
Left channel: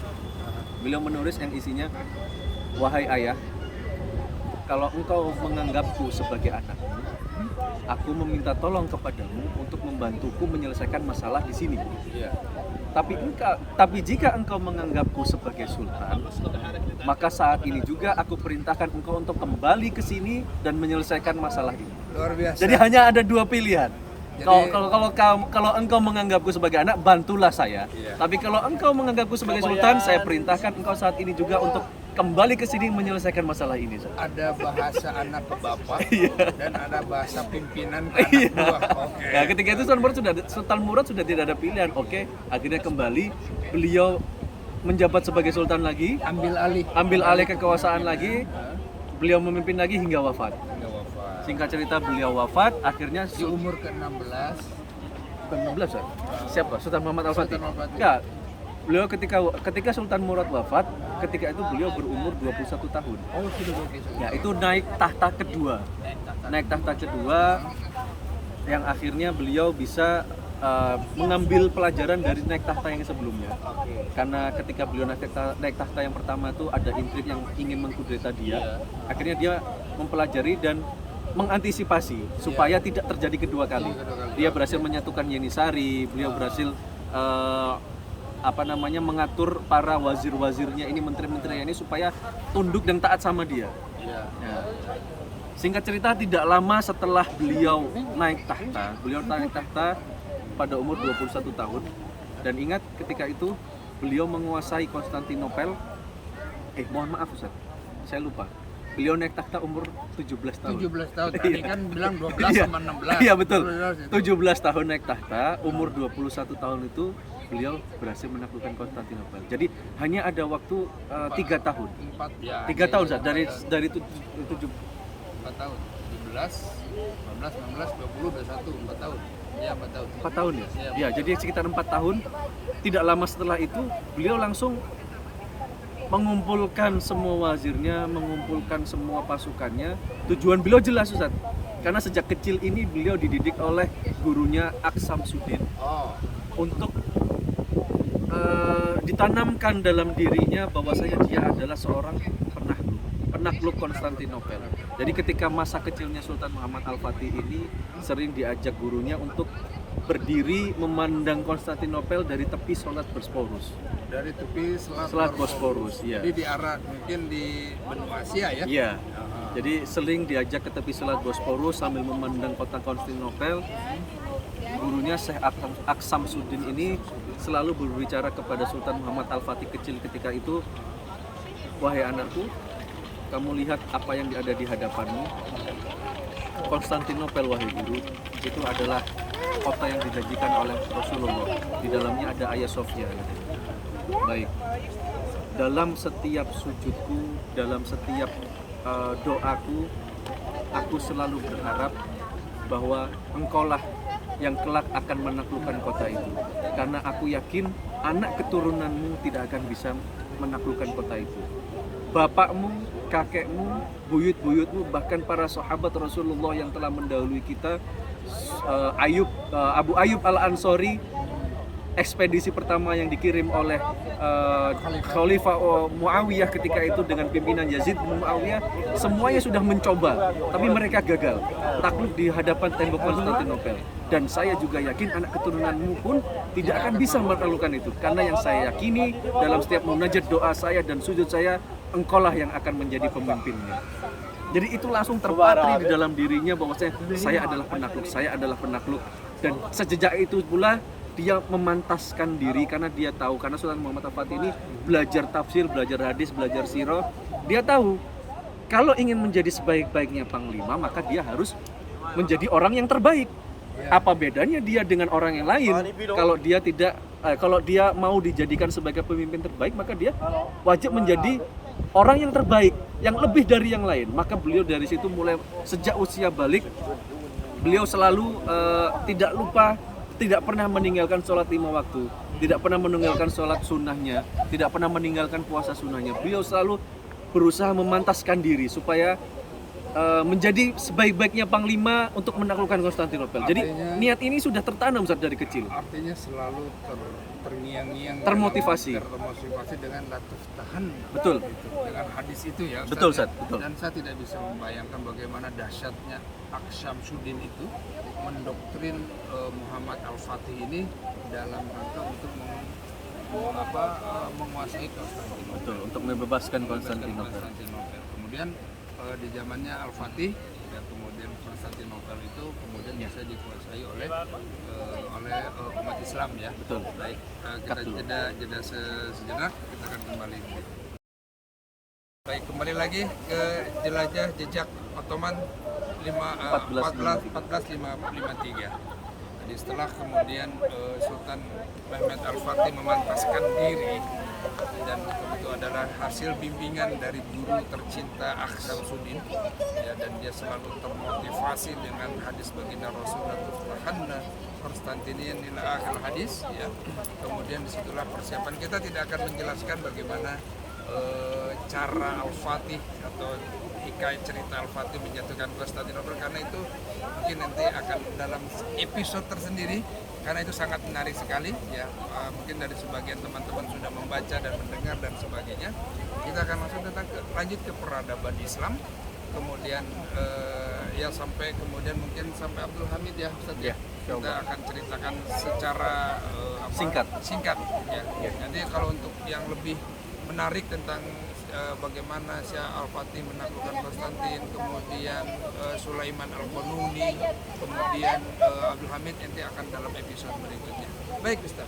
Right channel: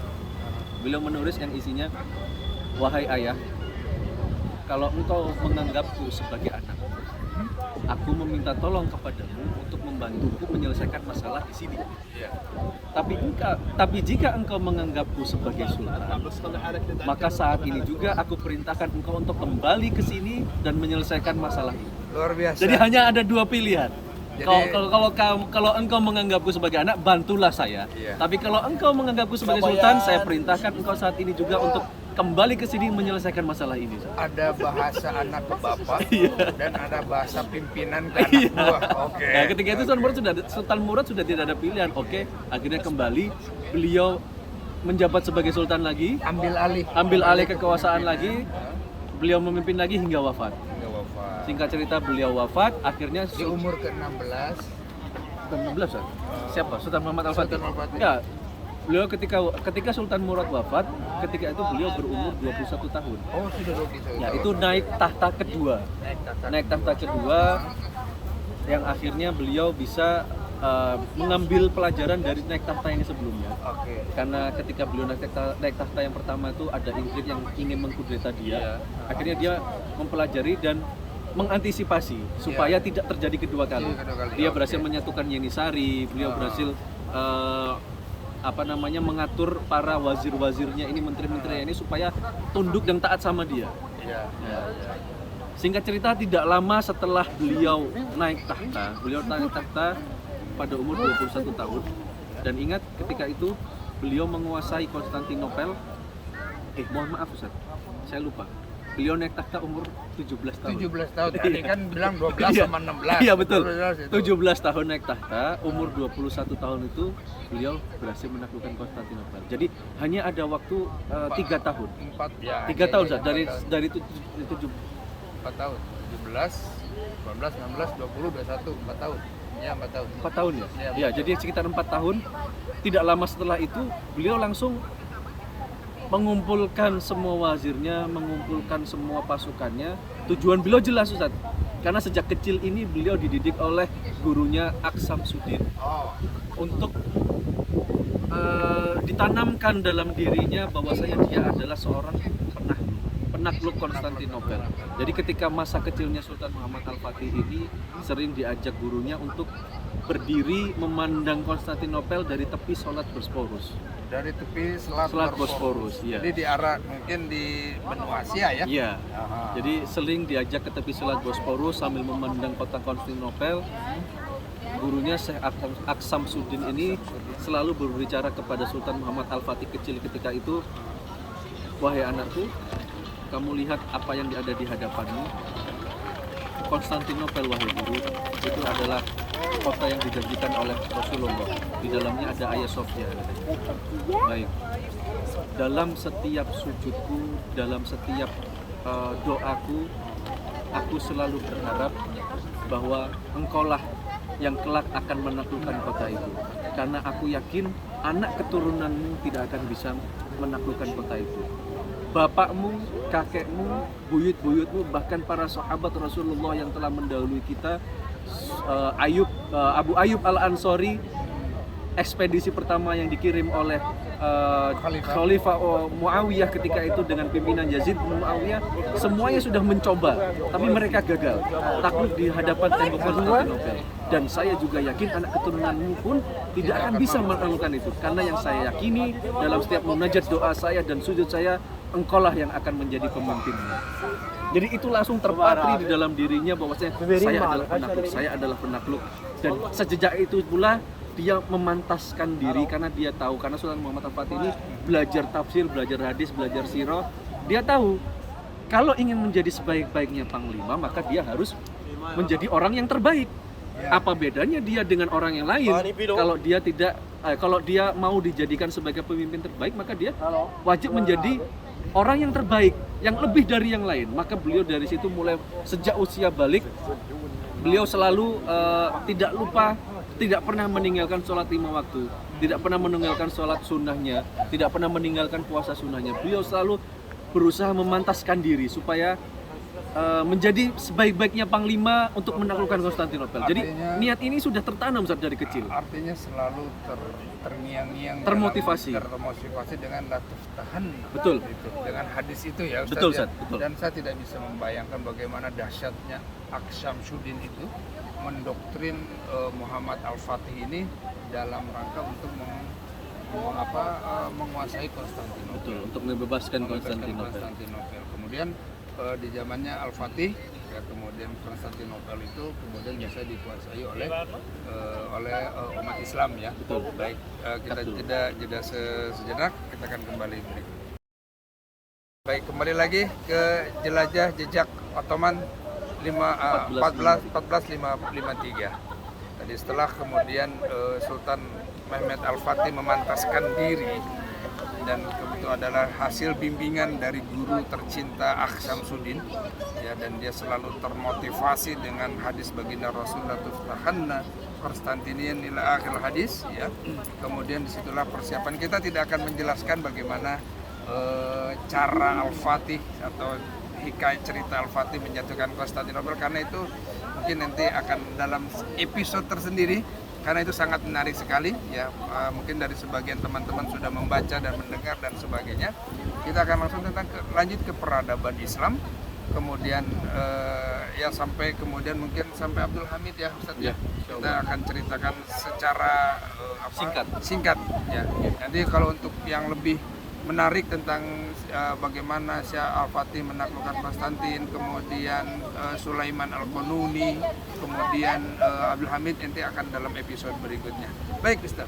Beliau menulis yang isinya, wahai ayah, kalau engkau menganggapku sebagai anak, aku meminta tolong kepadamu untuk membantuku menyelesaikan masalah di sini. Iya. Tapi jika engkau menganggapku sebagai sultan, maka saat ini juga aku perintahkan engkau untuk kembali ke sini dan menyelesaikan masalah ini. Luar biasa. Jadi hanya ada 2 pilihan. Jadi- Kalau engkau menganggapku sebagai anak, bantulah saya. Iya. Tapi kalau engkau menganggapku sebagai sultan, saya perintahkan engkau saat ini juga untuk kembali ke sini menyelesaikan masalah ini. Ustaz. Ada bahasa anak ke bapak dan ada bahasa pimpinan ke anak Iya. buah. Oke. Nah, ketika itu Sultan Murad sudah tidak ada pilihan. Oke, akhirnya kembali beliau menjabat sebagai sultan lagi, ambil alih kekuasaan lagi, beliau memimpin lagi hingga wafat. Hingga wafat. Singkat cerita beliau wafat, akhirnya Di umur ke-16 bukan 16 Ustaz. Siapa? Sultan Muhammad Al-Fatih. Sultan Al-Fatih. Ya. Beliau ketika Sultan Murad wafat, ketika itu beliau berumur 21 tahun. Oh, sudah 21 Ya, tahun. itu naik tahta kedua. Naik tahta kedua yang akhirnya beliau bisa mengambil pelajaran dari naik tahta yang sebelumnya. Oke. Karena ketika beliau naik tahta yang pertama itu ada intrik yang ingin mengkudeta dia. Iya. Akhirnya dia mempelajari dan mengantisipasi supaya tidak terjadi kedua kali. Dia berhasil menyatukan Yenisari, beliau berhasil mengatur para wazir-wazirnya ini, menteri-menterinya ini supaya tunduk dan taat sama dia. Iya. Ya. Singkat cerita, tidak lama setelah beliau naik tahta pada umur 21 tahun. Dan ingat ketika itu beliau menguasai Konstantinopel. Mohon maaf Ustaz, saya lupa. beliau naik takhta umur 17 tahun. 17 tahun, tadi kan bilang 12 sama 16. Iya betul. 12 itu. 17 tahun naik takhta, umur 21 tahun itu beliau berhasil menaklukkan Konstantinopel. Jadi hanya ada waktu 3 tahun. 4 ya. 3 tahun Ustaz, dari 4 tahun. 17, 18, 19, 20, 21, 4 tahun. Ya, 4 tahun. 4 tahun ya? Iya, Ya, jadi sekitar 4 tahun. Tidak lama setelah itu beliau langsung mengumpulkan semua wazirnya, mengumpulkan semua pasukannya. Tujuan beliau jelas Ustaz. Karena sejak kecil ini beliau dididik oleh gurunya Aksamsuddin Oh, untuk ditanamkan dalam dirinya bahwasanya dia adalah seorang penakluk Konstantinopel. Jadi ketika masa kecilnya Sultan Muhammad Al-Fatih ini sering diajak gurunya untuk berdiri memandang Konstantinopel dari tepi Selat Bosporus. dari tepi Selat Bosporus, iya. Jadi di arah mungkin di benua Asia ya. Iya. Aha. Jadi sering diajak ke tepi Selat Bosporus sambil memandang kota Konstantinopel. Gurunya Syekh Aksamsuddin ini selalu berbicara kepada Sultan Muhammad Al-Fatih kecil ketika itu, wahai anakku, kamu lihat apa yang ada di hadapanmu. Konstantinopel wahai guru, itu adalah kota yang dijanjikan oleh Rasulullah. Di dalamnya ada Hagia Sophia katanya. Baik. Dalam setiap sujudku, dalam setiap doaku, aku selalu berharap bahwa engkaulah yang kelak akan menaklukkan kota itu. Karena aku yakin anak keturunanmu tidak akan bisa menaklukkan kota itu. Bapakmu, kakekmu, buyut-buyutmu, bahkan para sahabat Rasulullah yang telah mendahului kita, Abu Ayyub Al-Ansori, ekspedisi pertama yang dikirim oleh Khalifah Muawiyah ketika itu dengan pimpinan Yazid bin Muawiyah, semuanya sudah mencoba, tapi mereka gagal, takluk di hadapan tembok Konstantinopel. Dan saya juga yakin anak keturunanmu pun tidak akan bisa menaklukkan itu, karena yang saya yakini dalam setiap munajat doa saya dan sujud saya, engkaulah yang akan menjadi pemimpinnya. Jadi itu langsung terpatri di dalam dirinya bahwasanya saya adalah penakluk. Dan sejak itu pula dia memantaskan diri karena dia tahu, karena Sultan Muhammad Al-Fatih ini belajar tafsir, belajar hadis, belajar sirah. Dia tahu kalau ingin menjadi sebaik-baiknya panglima maka dia harus menjadi orang yang terbaik. Apa bedanya dia dengan orang yang lain? Kalau dia mau dijadikan sebagai pemimpin terbaik, maka dia wajib menjadi orang yang terbaik, yang lebih dari yang lain. Maka beliau dari situ mulai sejak usia balik, beliau selalu tidak pernah meninggalkan sholat 5 waktu, tidak pernah meninggalkan sholat sunnahnya, tidak pernah meninggalkan puasa sunnahnya. Beliau selalu berusaha memantaskan diri supaya menjadi sebaik-baiknya panglima untuk menaklukkan Konstantinopel. Jadi niat ini sudah tertanam dari kecil. Artinya selalu terngiang-ngiang, termotivasi dengan latuf tahan. Betul. Itu dengan hadis itu ya Ustaz. Betul, ya? Ustaz. Betul. Dan saya tidak bisa membayangkan bagaimana dahsyatnya Aksamsuddin itu mendoktrin Muhammad Al-Fatih ini dalam rangka untuk menguasai Konstantinopel. Betul, untuk membebaskan Konstantinopel. Kemudian di zamannya Al-Fatih, ya, kemudian Konstantinopel itu kemudian bisa dikuasai oleh umat Islam ya. Betul. Baik, kita jeda sejenak, kita akan kembali berikut. Baik, kembali lagi ke jelajah jejak Ottoman 1453. Tadi setelah kemudian Sultan Mehmed Al-Fatih memantaskan diri, dan itu adalah hasil bimbingan dari guru tercinta Aksamsuddin ya, dan dia selalu termotivasi dengan hadis baginda Rasulullah tuftahanna Konstantinian ila akhir hadis ya. Kemudian disitulah persiapan. Kita tidak akan menjelaskan bagaimana cara Al-Fatih atau hikayat cerita Al-Fatih menjatuhkan Konstantinopel, karena itu mungkin nanti akan dalam episode tersendiri, karena itu sangat menarik sekali ya. Mungkin dari sebagian teman-teman sudah membaca dan mendengar dan sebagainya. Kita akan langsung lanjut ke peradaban Islam, kemudian ya sampai kemudian mungkin sampai Abdul Hamid ya Ustaz ya. Kita akan ceritakan secara singkat ya. Nanti kalau untuk yang lebih menarik tentang bagaimana Syekh Al-Fatih menaklukkan Konstantin, kemudian Sulaiman Al-Qanuni, kemudian Abdul Hamid, nanti akan dalam episode berikutnya. Baik Ustaz,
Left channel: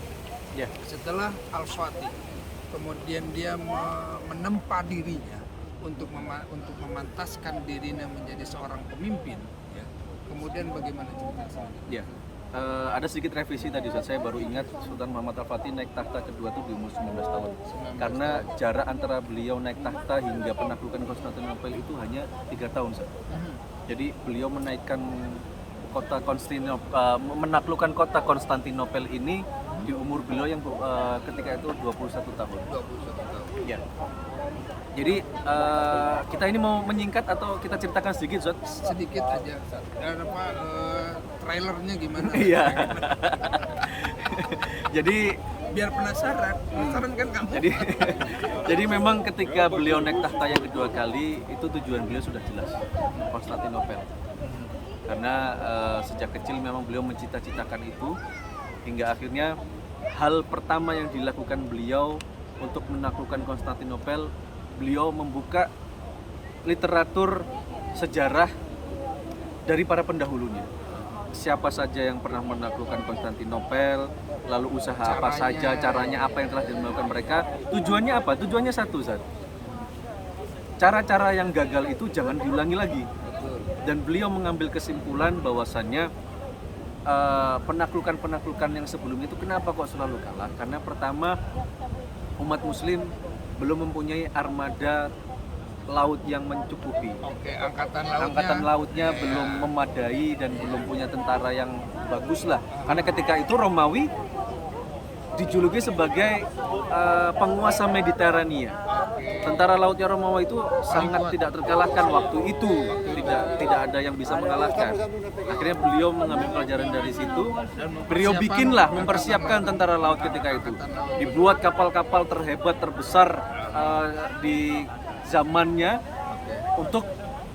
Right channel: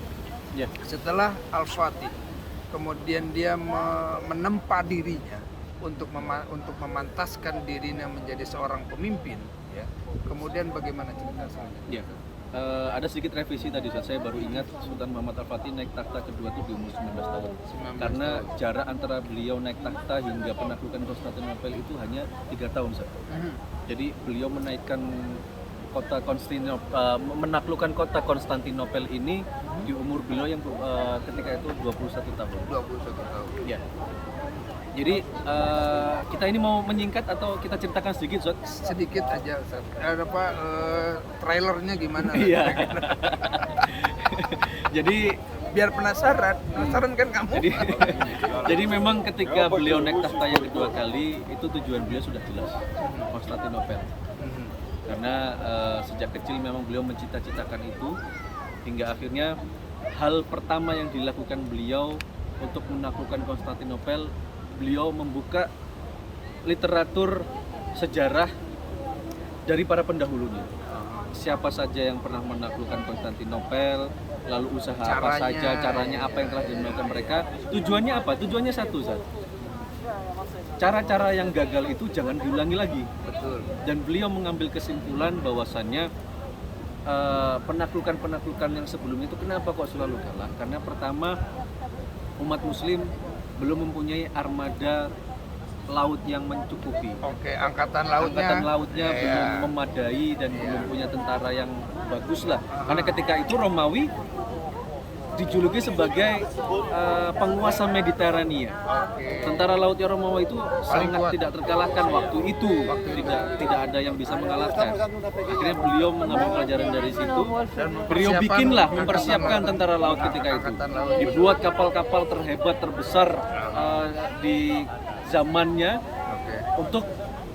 ya. Setelah Al-Fatih kemudian dia menempa dirinya untuk memantaskan dirinya menjadi seorang pemimpin, ya. Kemudian bagaimana cerita selanjutnya? Ya. Ada sedikit revisi tadi, saya baru ingat Sultan Muhammad Al-Fatih naik tahta kedua itu di umur 19 tahun. 19 Karena tahun. jarak antara beliau naik tahta hingga penaklukan Konstantinopel itu hanya 3 tahun. Jadi beliau menaikkan kota menaklukkan kota Konstantinopel ini di umur beliau yang ketika itu 21 tahun. 21 tahun. Ya. Jadi kita ini mau menyingkat atau kita ceritakan sedikit, Zot? Sedikit aja, Ustaz. Trailernya gimana? Iya. Jadi Biar penasaran kan kamu? jadi memang ketika beliau naik tahta yang kedua kali itu tujuan beliau sudah jelas, Konstantinopel. Karena sejak kecil memang beliau mencita-citakan itu hingga akhirnya hal pertama yang dilakukan beliau untuk menaklukkan Konstantinopel, beliau membuka literatur sejarah dari para pendahulunya. Siapa saja yang pernah menaklukkan Konstantinopel, lalu usaha apa saja, caranya apa yang telah dilakukan mereka. Tujuannya apa? Tujuannya satu, Zat. Cara-cara yang gagal itu jangan diulangi lagi. Betul. Dan beliau mengambil kesimpulan bahwasannya penaklukan-penaklukan yang sebelumnya itu kenapa kok selalu kalah? Karena pertama, umat muslim belum mempunyai armada laut yang mencukupi. Oke, angkatan lautnya belum memadai dan belum punya tentara yang bagus lah. Karena ketika itu Romawi dijuluki sebagai penguasa Mediterania. Oke. Tentara lautnya Romawi itu sangat kuat. tidak terkalahkan waktu itu. Tidak ada yang bisa mengalahkan. Akhirnya beliau mengambil pelajaran dari situ. Dan Beliau mempersiapkan tentara laut ketika itu. Angkatan laut. Dibuat kapal-kapal terhebat terbesar di zamannya Oke. untuk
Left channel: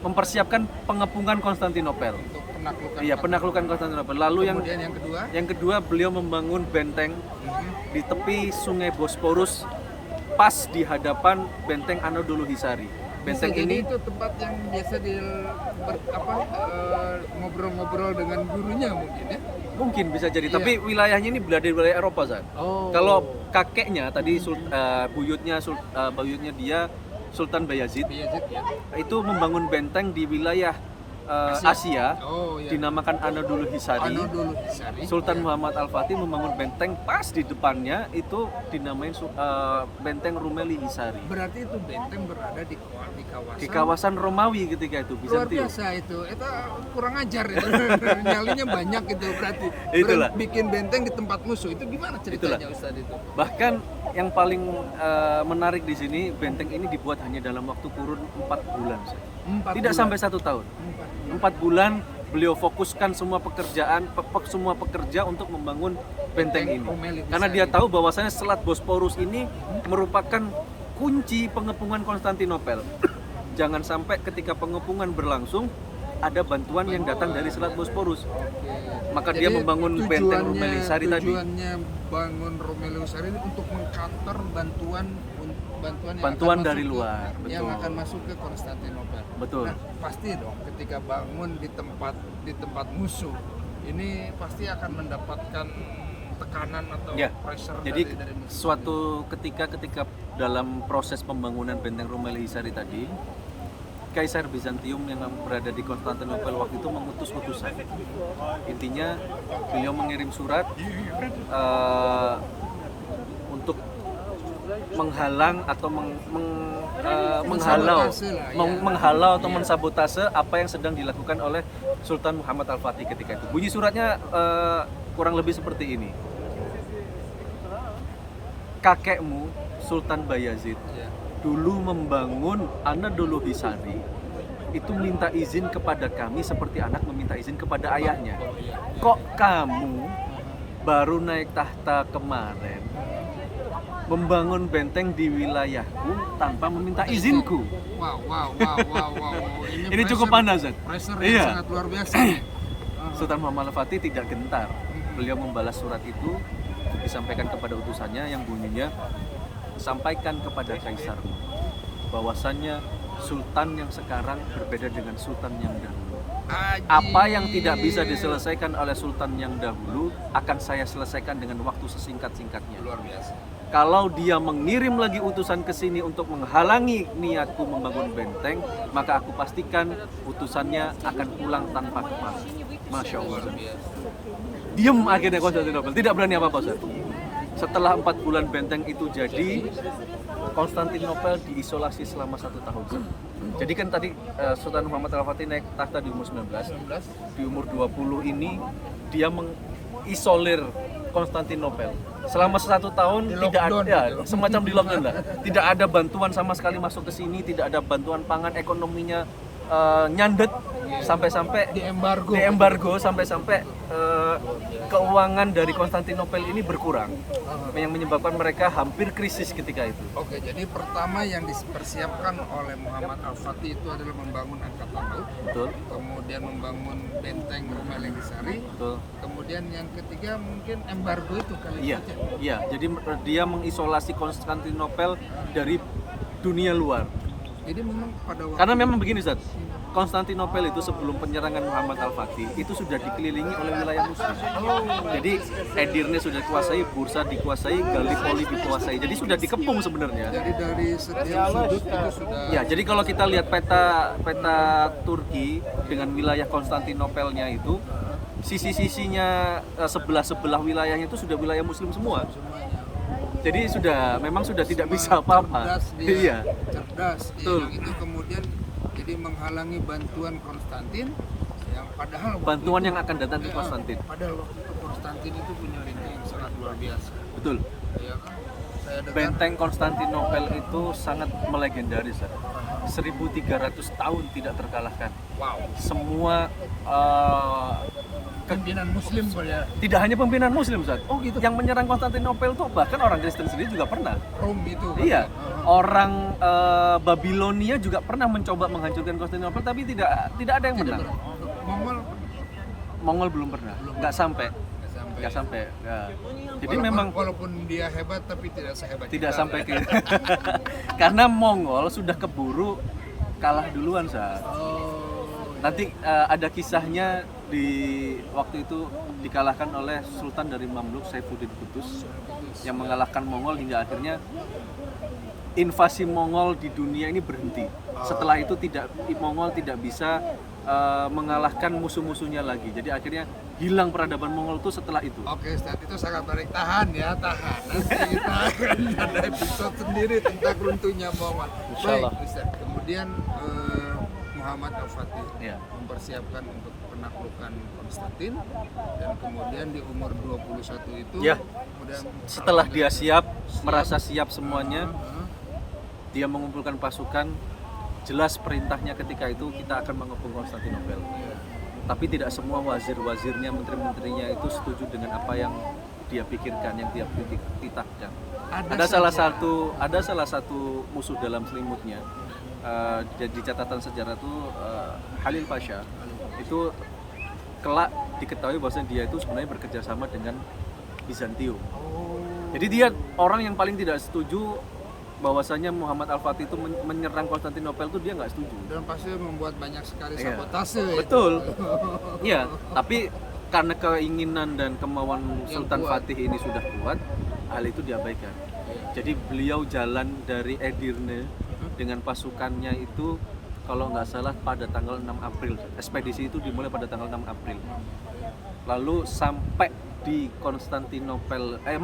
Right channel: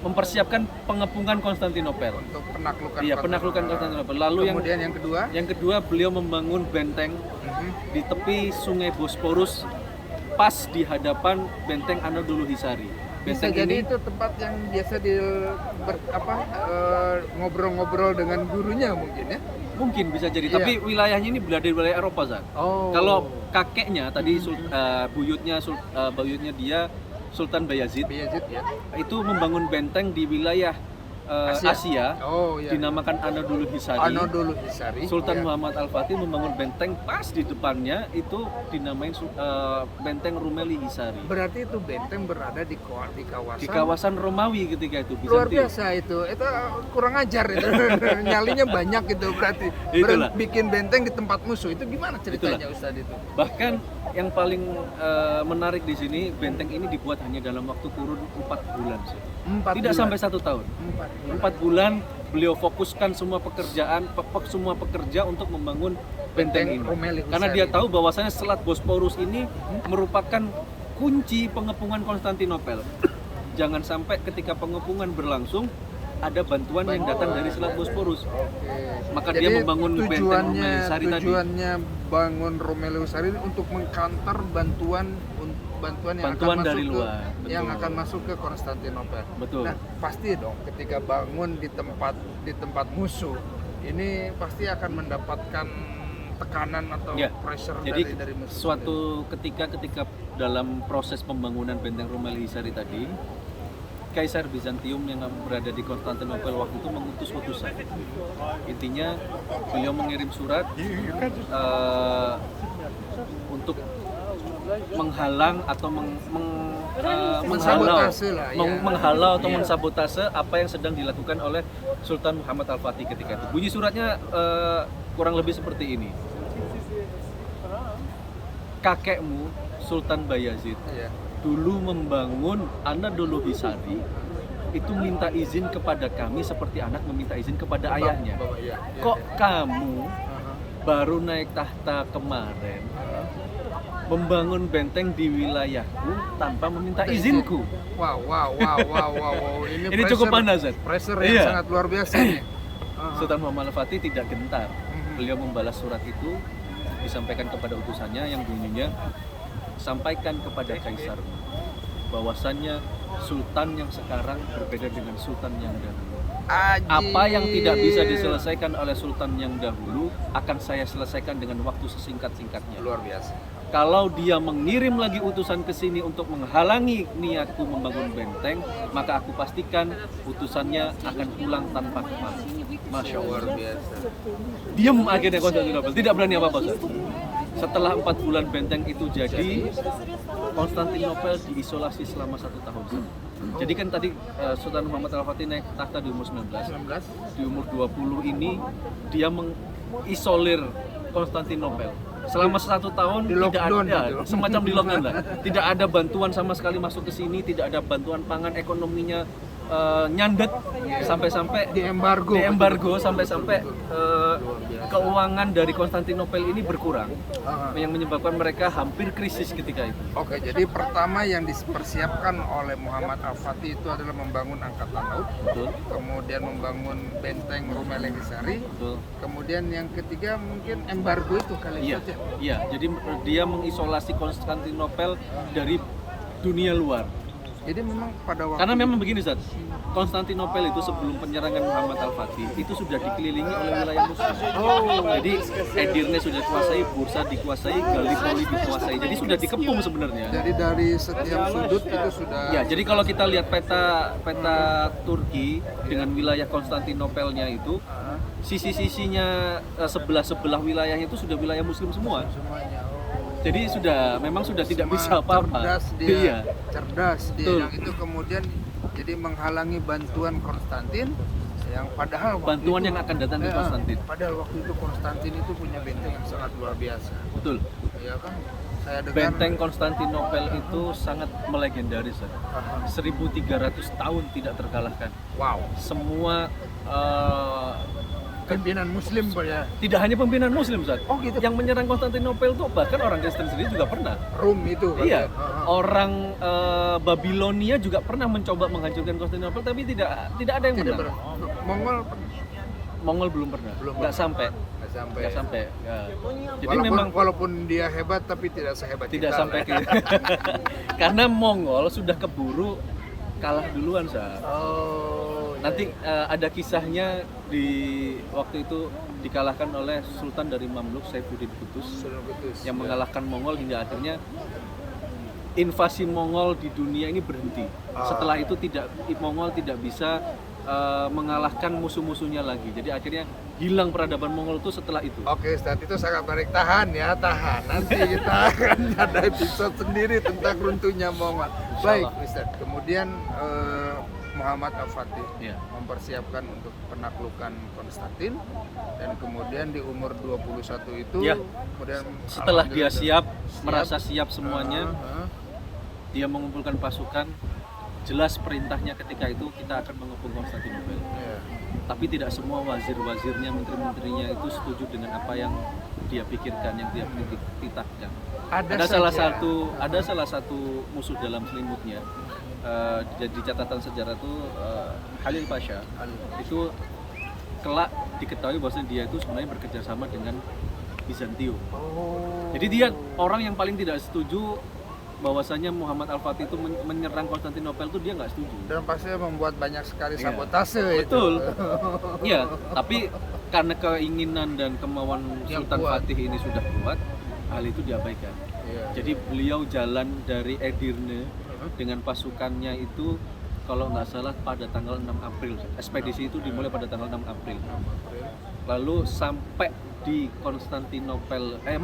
mempersiapkan pengepungan Konstantinopel. Untuk penaklukan. Iya, penaklukan Konstantinopel. Lalu Kemudian yang kedua, yang kedua beliau membangun benteng di tepi Sungai Bosporus pas di hadapan benteng Anadolu Hisari. bisa Benteng jadi ini itu tempat yang biasa ngobrol-ngobrol dengan gurunya mungkin ya. mungkin bisa jadi, Iya. tapi wilayahnya ini berada di wilayah Eropa, Zat. Oh. Kalau kakeknya tadi buyutnya dia Sultan Bayazid Bayezid ya. itu membangun benteng di wilayah Asia, Oh iya. dinamakan Anadolu Hisari. Anadolu Hisari. Sultan ya. Muhammad Al-Fatih membangun benteng pas di depannya itu dinamain benteng Rumeli Hisari. Berarti itu benteng berada di kawasan. Di kawasan Romawi ketika itu, Luar Bizantium. biasa itu kurang ajar itu. Nyalinya banyak itu berarti. Itulah. Bikin benteng di tempat musuh itu gimana ceritanya Ustadz itu? Bahkan yang paling menarik di sini, benteng ini dibuat hanya dalam waktu kurun 4 bulan. Tidak sampai 1 tahun. 4 bulan beliau fokuskan semua pekerja untuk membangun benteng ini. Rumeli Hisari Karena dia itu. tahu bahwasanya Selat Bosporus ini merupakan kunci pengepungan Konstantinopel. Jangan sampai ketika pengepungan berlangsung ada bantuan yang datang dari Selat Bosporus. Oke. Maka dia membangun benteng Rumeli Hisari tadi. Tujuannya bangun Rumeli Hisari untuk mengcounter bantuan yang akan dari masuk luar, yang betul. akan masuk ke Konstantinopel. Betul. Nah, pasti dong ketika bangun di tempat musuh, ini pasti akan mendapatkan tekanan atau Ya, pressure Jadi dari musuh. suatu ketika dalam proses pembangunan benteng Rumeli Hisari tadi, Kaisar Bizantium yang berada di Konstantinopel waktu itu mengutus utusan. Intinya beliau mengirim surat untuk menghalang atau Mensabotase lah, ya. menghalau atau mensabotase apa yang sedang dilakukan oleh Sultan Muhammad Al-Fatih ketika itu. Bunyi suratnya kurang lebih seperti ini. Kakekmu Sultan Bayazid Iya. dulu membangun Anadolu Hisari itu minta izin kepada kami seperti anak meminta izin kepada ayahnya. Iya. Kok kamu baru naik tahta kemarin membangun benteng di wilayahku tanpa meminta izinku? Wow. Ini cukup panas, Zat. Pressure yang Iya. sangat luar biasa nih. Sultan Muhammad Al-Fatih tidak gentar. Beliau membalas surat itu, disampaikan kepada utusannya yang bunyinya, sampaikan kepada kaisarmu bahwasannya sultan yang sekarang berbeda dengan sultan yang dahulu. Apa yang tidak bisa diselesaikan oleh sultan yang dahulu akan saya selesaikan dengan waktu sesingkat-singkatnya. Luar biasa. kalau dia mengirim lagi utusan ke sini untuk menghalangi niatku membangun benteng, maka aku pastikan utusannya akan pulang tanpa kepala. Masya Allah. Luar biasa. Diem akhirnya Konstantinopel, tidak berani apa-apa Ustaz. Setelah 4 bulan benteng itu jadi, Konstantinopel diisolasi selama 1 tahun. Jadi kan tadi Sultan Muhammad Al-Fatih naik takhta di umur 19. 19. Di umur 20 ini dia mengisolir Konstantinopel. Selama 1 tahun Di tidak lockdown ada, gitu. semacam di lockdown lah. Tidak ada bantuan sama sekali masuk ke sini, tidak ada bantuan pangan, ekonominya nyandet sampai-sampai Di embargo. sampai-sampai keuangan dari Konstantinopel ini berkurang, yang menyebabkan mereka hampir krisis ketika itu. Oke, jadi pertama yang dipersiapkan oleh Muhammad Al-Fatih itu adalah membangun angkatan laut, Betul, kemudian membangun benteng Rumelegisari, betul. kemudian yang ketiga mungkin embargo itu kali Iya, saja. iya. Jadi dia mengisolasi Konstantinopel dari dunia luar. Jadi memang pada waktu Karena memang begini Ustaz, Konstantinopel itu sebelum penyerangan Muhammad Al-Fatih itu sudah dikelilingi oleh wilayah muslim. oh, Jadi Edirne sudah dikuasai, Bursa dikuasai, Gallipoli dikuasai. Jadi sudah dikepung sebenarnya. jadi dari setiap sudut itu sudah Ya, jadi kalau kita lihat peta Turki dengan wilayah Konstantinopelnya itu, sisi-sisinya sebelah-sebelah wilayahnya itu sudah wilayah muslim semua. semuanya. Oh. Jadi memang sudah tidak bisa apa-apa. Cerdas dia, Iya. cerdas dia. Betul. Yang itu kemudian jadi menghalangi bantuan Konstantin yang padahal waktu Bantuan itu- yang akan datang ke Konstantin. Padahal waktu itu Konstantin itu punya benteng yang sangat luar biasa. Betul. Iya kan? Saya dengar Benteng Konstantinopel itu sangat melegendaris ya. Aha. 1300 tahun tidak terkalahkan. Wow. Semua Pimpinan muslim pada tidak hanya pimpinan muslim Ustaz. Oh gitu. Yang menyerang Konstantinopel itu bahkan orang Kristen sendiri juga pernah. Rom itu kan. Iya. Aha. Orang Babilonia juga pernah mencoba menghancurkan Konstantinopel tapi tidak ada yang Tidak menang. Mongol Mongol belum pernah. Belum Nggak sampai. nggak sampai. Nggak sampai. Ya. Jadi Walaupun, memang walaupun dia hebat tapi tidak sehebat tidak kita sampai lah. ke karena Mongol sudah keburu kalah duluan Ustaz. Oh. Nanti ada kisahnya di waktu itu dikalahkan oleh Sultan dari Mamluk Saifuddin Qutuz Sunan Kudus. yang Ya. mengalahkan Mongol hingga akhirnya invasi Mongol di dunia ini berhenti. Setelah itu Mongol tidak bisa mengalahkan musuh-musuhnya lagi. Jadi akhirnya hilang peradaban Mongol itu setelah itu. Oke, saat itu sangat menarik. Tahan ya, tahan. Nanti kita akan ada episode sendiri tentang runtuhnya Mongol. Baik, Ustaz. Kemudian Muhammad Al-Fatih Ya. mempersiapkan untuk penaklukan Konstantin dan kemudian di umur 21 itu Ya. kemudian Setelah dia alhamdulillah merasa siap semuanya, Aha. dia mengumpulkan pasukan. Jelas perintahnya ketika itu kita akan mengepung Konstantinopel. Iya. Tapi tidak semua wazir-wazirnya, menteri-menterinya itu setuju dengan apa yang dia pikirkan, yang dia titahkan. Ada salah satu musuh dalam selimutnya. Di catatan sejarah itu Halil Pasha itu kelak diketahui bahwa dia itu sebenarnya bekerja sama dengan Bizantium. Oh. Jadi dia orang yang paling tidak setuju bahwasanya Muhammad Al-Fatih itu menyerang Konstantinopel itu dia nggak setuju. Dan pasti membuat banyak sekali Iya. sabotase itu. Betul. Iya, tapi karena keinginan dan kemauan Yang Sultan kuat. Fatih ini sudah kuat, hal itu diabaikan. Iya. Jadi beliau jalan dari Edirne dengan pasukannya itu kalau nggak salah pada tanggal 6 April. Ekspedisi itu dimulai pada tanggal 6 April. 6 April. Lalu sampai di Konstantinopel 6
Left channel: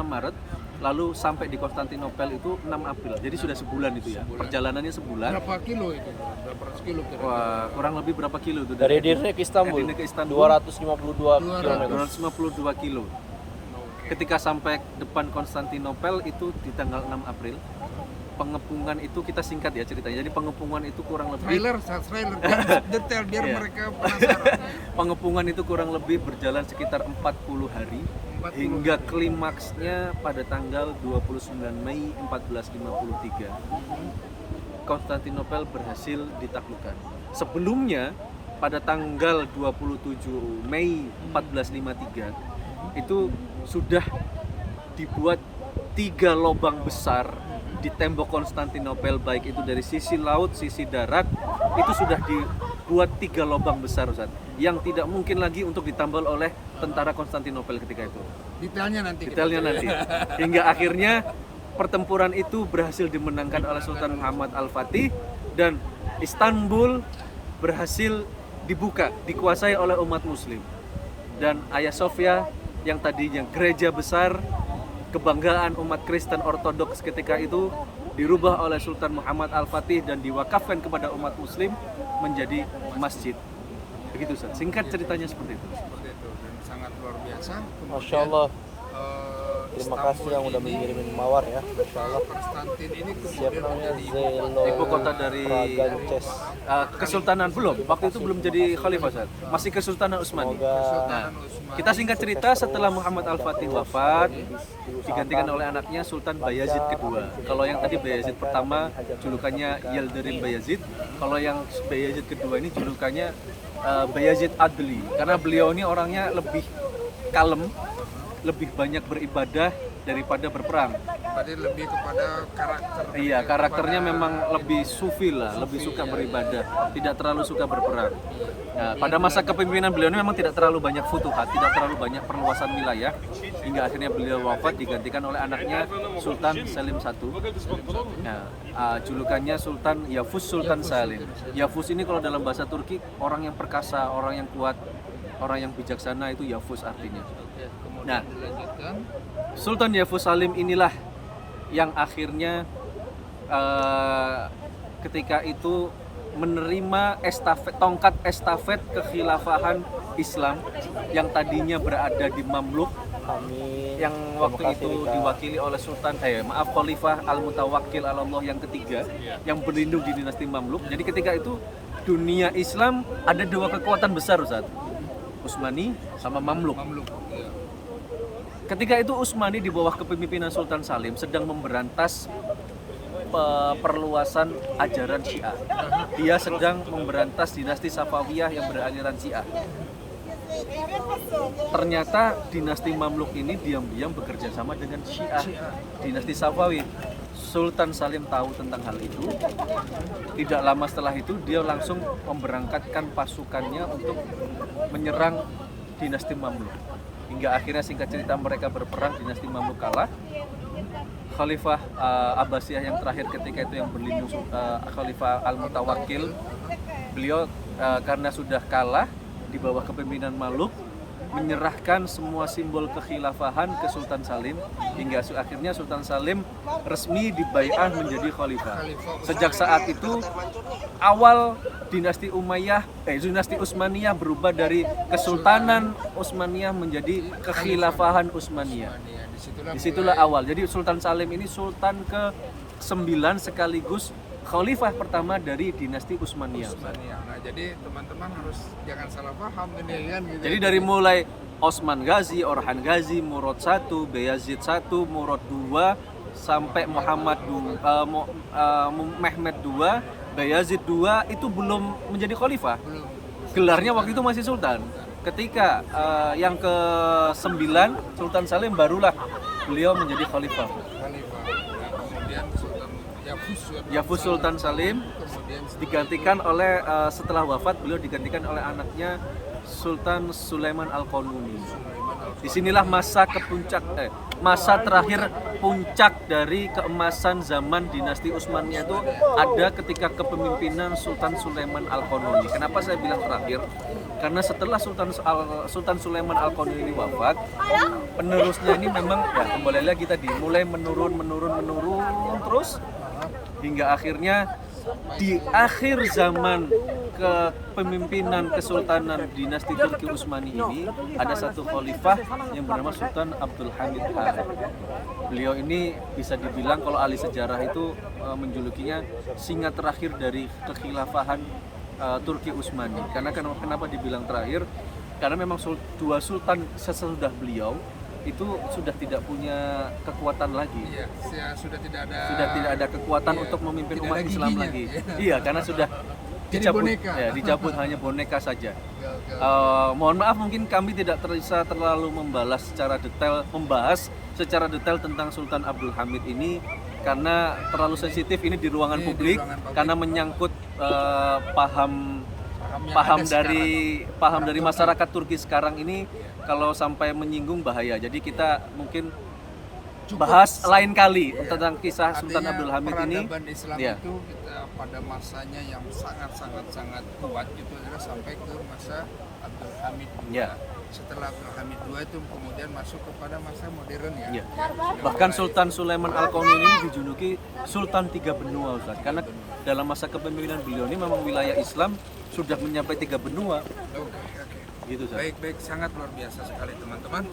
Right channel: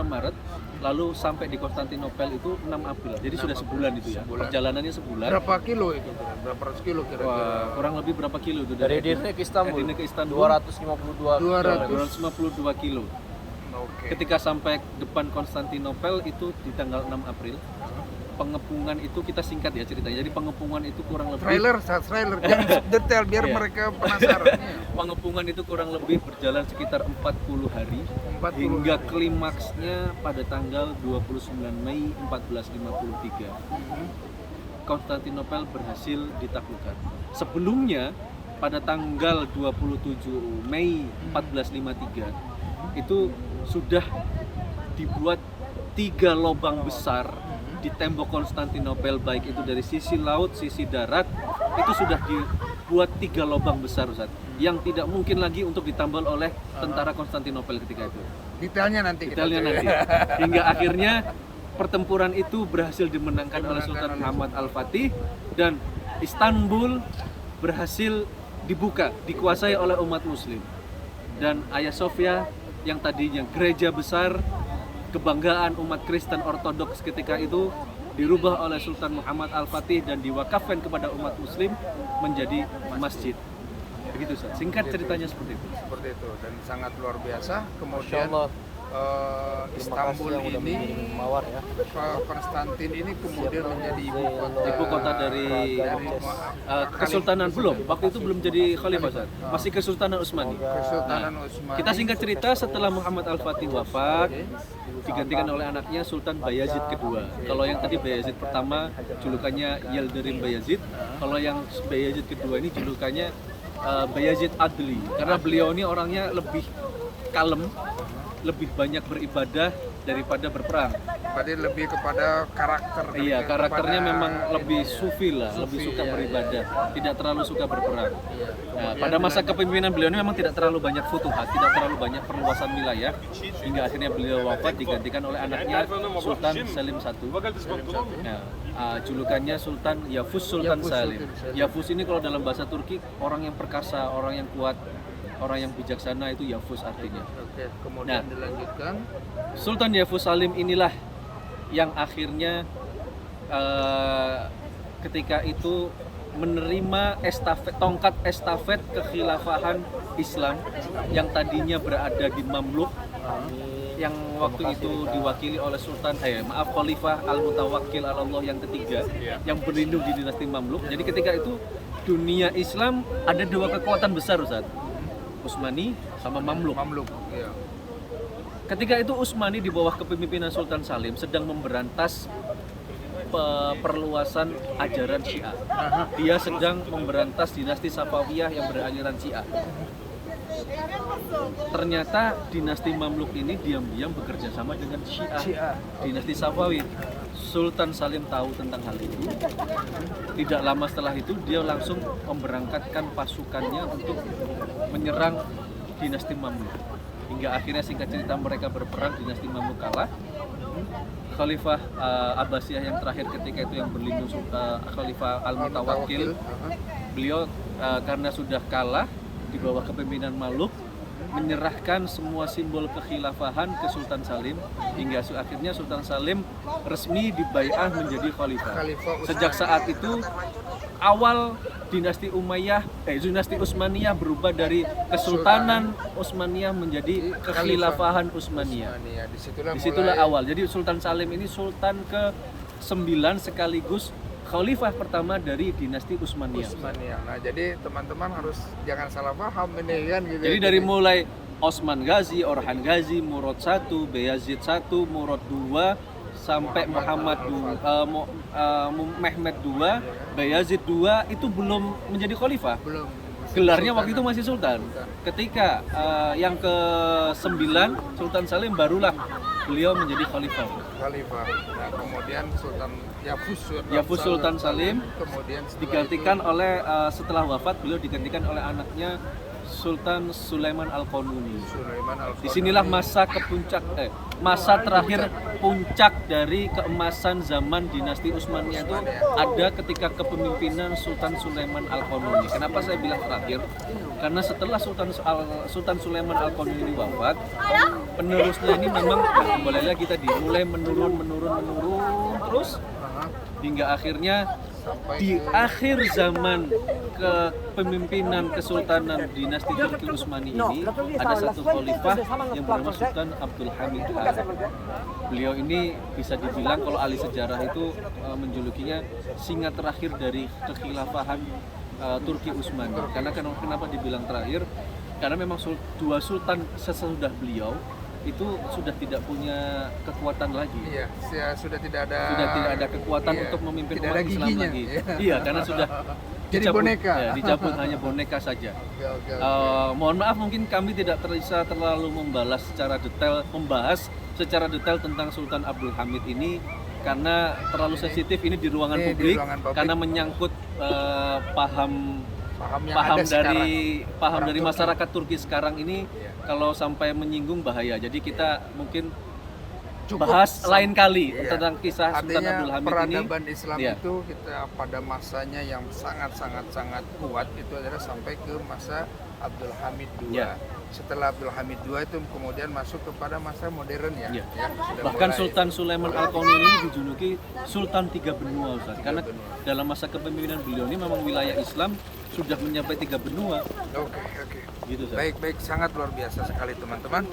Maret. Lalu sampai di Konstantinopel itu 6 April. Jadi 6 sudah sebulan itu ya. Sebulan. Perjalanannya sebulan. Berapa kilo itu kira? Berapa ratus kilo kira-kira? Wah, kurang lebih berapa kilo itu Dari Edirne ke Istanbul. Edirne ke Istanbul 252 200. 252 kilo. Oke. Ketika sampai depan Konstantinopel itu di tanggal 6 April. Pengepungan itu kita singkat ya ceritanya. Jadi pengepungan itu kurang lebih Trailer jangan detail biar Iya. mereka penasaran. pengepungan itu kurang lebih berjalan sekitar 40 hari 40 hingga hari. klimaksnya pada tanggal 29 Mei 1453. Konstantinopel berhasil ditaklukkan. Sebelumnya pada tanggal 27 Mei 1453 itu sudah dibuat 3 lubang besar di tembok Konstantinopel, baik itu dari sisi laut, sisi darat, itu sudah dibuat 3 lubang besar Ustaz. yang tidak mungkin lagi untuk ditambal oleh tentara Konstantinopel ketika itu. Detailnya nanti. Detailnya nanti. Hingga akhirnya pertempuran itu berhasil dimenangkan oleh Sultan Muhammad Al-Fatih dan Istanbul berhasil dibuka, dikuasai oleh umat muslim. Dan Hagia Sophia yang tadinya gereja besar, kebanggaan umat Kristen Ortodoks ketika itu dirubah oleh Sultan Muhammad Al-Fatih dan diwakafkan kepada umat muslim menjadi masjid. Begitu Ustaz. Singkat ceritanya seperti itu. Seperti itu dan sangat luar biasa. Masya Kemudian Allah. Istanbul yang udah ini, mengirim mawar ya. Konstantin ini kemudian menjadi Ibu kota dari Kesultanan belum. Waktu itu belum jadi khalifah Ustaz. Masih Kesultanan Utsmani. Kesultanan Utsmani. Kita singkat cerita, setelah Muhammad Al-Fatih wafat digantikan oleh anaknya Sultan Bayazid kedua. Kalau yang tadi Bayazid pertama julukannya Yildirim Bayazid. Kalau yang Bayazid kedua ini julukannya Bayazid Adli. Karena beliau ini orangnya lebih kalem, lebih banyak beribadah daripada berperang. Berarti lebih kepada karakter. Iya, lebih karakternya kepada- memang lebih sufi lah, lebih Sufi, suka iya, beribadah, tidak terlalu suka berperang. Iya. Nah, pada masa kepemimpinan beliau ini memang tidak terlalu banyak futuhat, tidak terlalu banyak perluasan wilayah, hingga akhirnya beliau wafat digantikan oleh anaknya Sultan Salim I. Nah, julukannya Sultan Yavuz Sultan Salim. Yavuz ini kalau dalam bahasa Turki orang yang perkasa, orang yang kuat, orang yang bijaksana, itu Yavuz artinya. Oke, kemudian Nah. dilanjutkan. Sultan Yavuz Salim inilah yang akhirnya ketika itu menerima tongkat estafet kekhilafahan Islam yang tadinya berada di Mamluk, yang waktu itu diwakili oleh Khalifah Al-Mutawakkil Allah yang ketiga, yang berlindung di dinasti Mamluk. Jadi ketika itu dunia Islam ada dua kekuatan besar Ustaz, Utsmani sama Mamluk. Mamluk. Iya. Ketika itu Utsmani di bawah kepemimpinan Sultan Salim sedang memberantas perluasan ajaran Syiah. Dia sedang memberantas dinasti Safawiyah yang beraliran Syiah. Ternyata dinasti Mamluk ini diam-diam bekerja sama dengan Syiah, dinasti Safawi. Sultan Salim tahu tentang hal itu. Tidak lama setelah itu dia langsung memberangkatkan pasukannya untuk menyerang dinasti Mamluk. Hingga akhirnya singkat cerita mereka berperang, dinasti Mamluk kalah. Khalifah Abbasiyah yang terakhir ketika itu yang berlindung Khalifah Al-Mutawakkil, beliau karena sudah kalah di bawah kepemimpinan Mamluk, menyerahkan semua simbol kekhilafahan ke Sultan Salim, hingga akhirnya Sultan Salim resmi dibai'ah menjadi khalifah. Sejak saat itu awal dinasti dinasti Utsmaniyah berubah dari Kesultanan Utsmaniyah menjadi kekhilafahan Utsmaniyah. Disitulah awal. Jadi Sultan Salim ini sultan ke-9 sekaligus khalifah pertama dari dinasti Utsmaniyah. Nah, jadi teman-teman harus jangan salah paham ini kan gitu. Jadi dari mulai Osman Ghazi, Orhan Ghazi, Murad I, Bayazid I, Murad II, sampai Mehmed II, Bayazid II itu belum menjadi khalifah. Belum. Gelarnya waktu itu masih sultan. Ketika yang ke-9 Sultan Salim barulah beliau menjadi khalifah. Nah, kemudian Sultan Yavuz Sultan Salim kemudian digantikan oleh setelah wafat beliau digantikan oleh anaknya Sultan Sulaiman Al-Qanuni. Disinilah masa terakhir puncak dari keemasan zaman dinasti Utsmaniyah itu ada ketika kepemimpinan Sultan Sulaiman Al-Qanuni. Kenapa saya bilang terakhir? Karena setelah Sultan Sulaiman Al-Qanuni wafat, penerusnya ini memang kembali lagi tadi mulai menurun terus hingga akhirnya di akhir zaman kepemimpinan Kesultanan dinasti Turki Utsmani ini ada satu khalifah yang bernama Sultan Abdul Hamid Han. Beliau ini bisa dibilang kalau ahli sejarah itu menjulukinya singa terakhir dari kekhilafahan Turki Utsmani. Karena kenapa dibilang terakhir? Karena memang dua sultan sesudah beliau itu sudah tidak punya kekuatan lagi. Iya, sudah tidak ada kekuatan untuk memimpin umat Islam lagi. Iya, karena sudah jadi boneka. Ya, dicabut hanya boneka saja. Oke. Mohon maaf mungkin kami tidak bisa terlalu membahas secara detail tentang Sultan Abdul Hamid ini karena terlalu sensitif ini di ruangan publik karena menyangkut paham yang paham ada sekarang. paham Orang dari Turki. masyarakat Turki sekarang ini Iya. kalau sampai menyinggung bahaya. Jadi kita mungkin Cukup bahas lain kali Iya. tentang kisah Sultan Artinya Abdul Hamid ini. peradaban Islam Iya. itu kita pada masanya yang sangat kuat itu adalah sampai ke masa Abdul Hamid II. Iya. Setelah Abdul Hamid II itu kemudian masuk kepada masa modern ya. Iya. Ya, sudah Bahkan mulai- Sultan Sulaiman Al-Qauni ini dijuluki Sultan Tiga Benua, Ustaz. Karena Tiga benua. dalam masa kepemimpinan beliau ini memang wilayah Islam sudah mencapai 3 benua. Oke. Gitu, Ustaz. Baik, sangat luar biasa sekali teman-teman.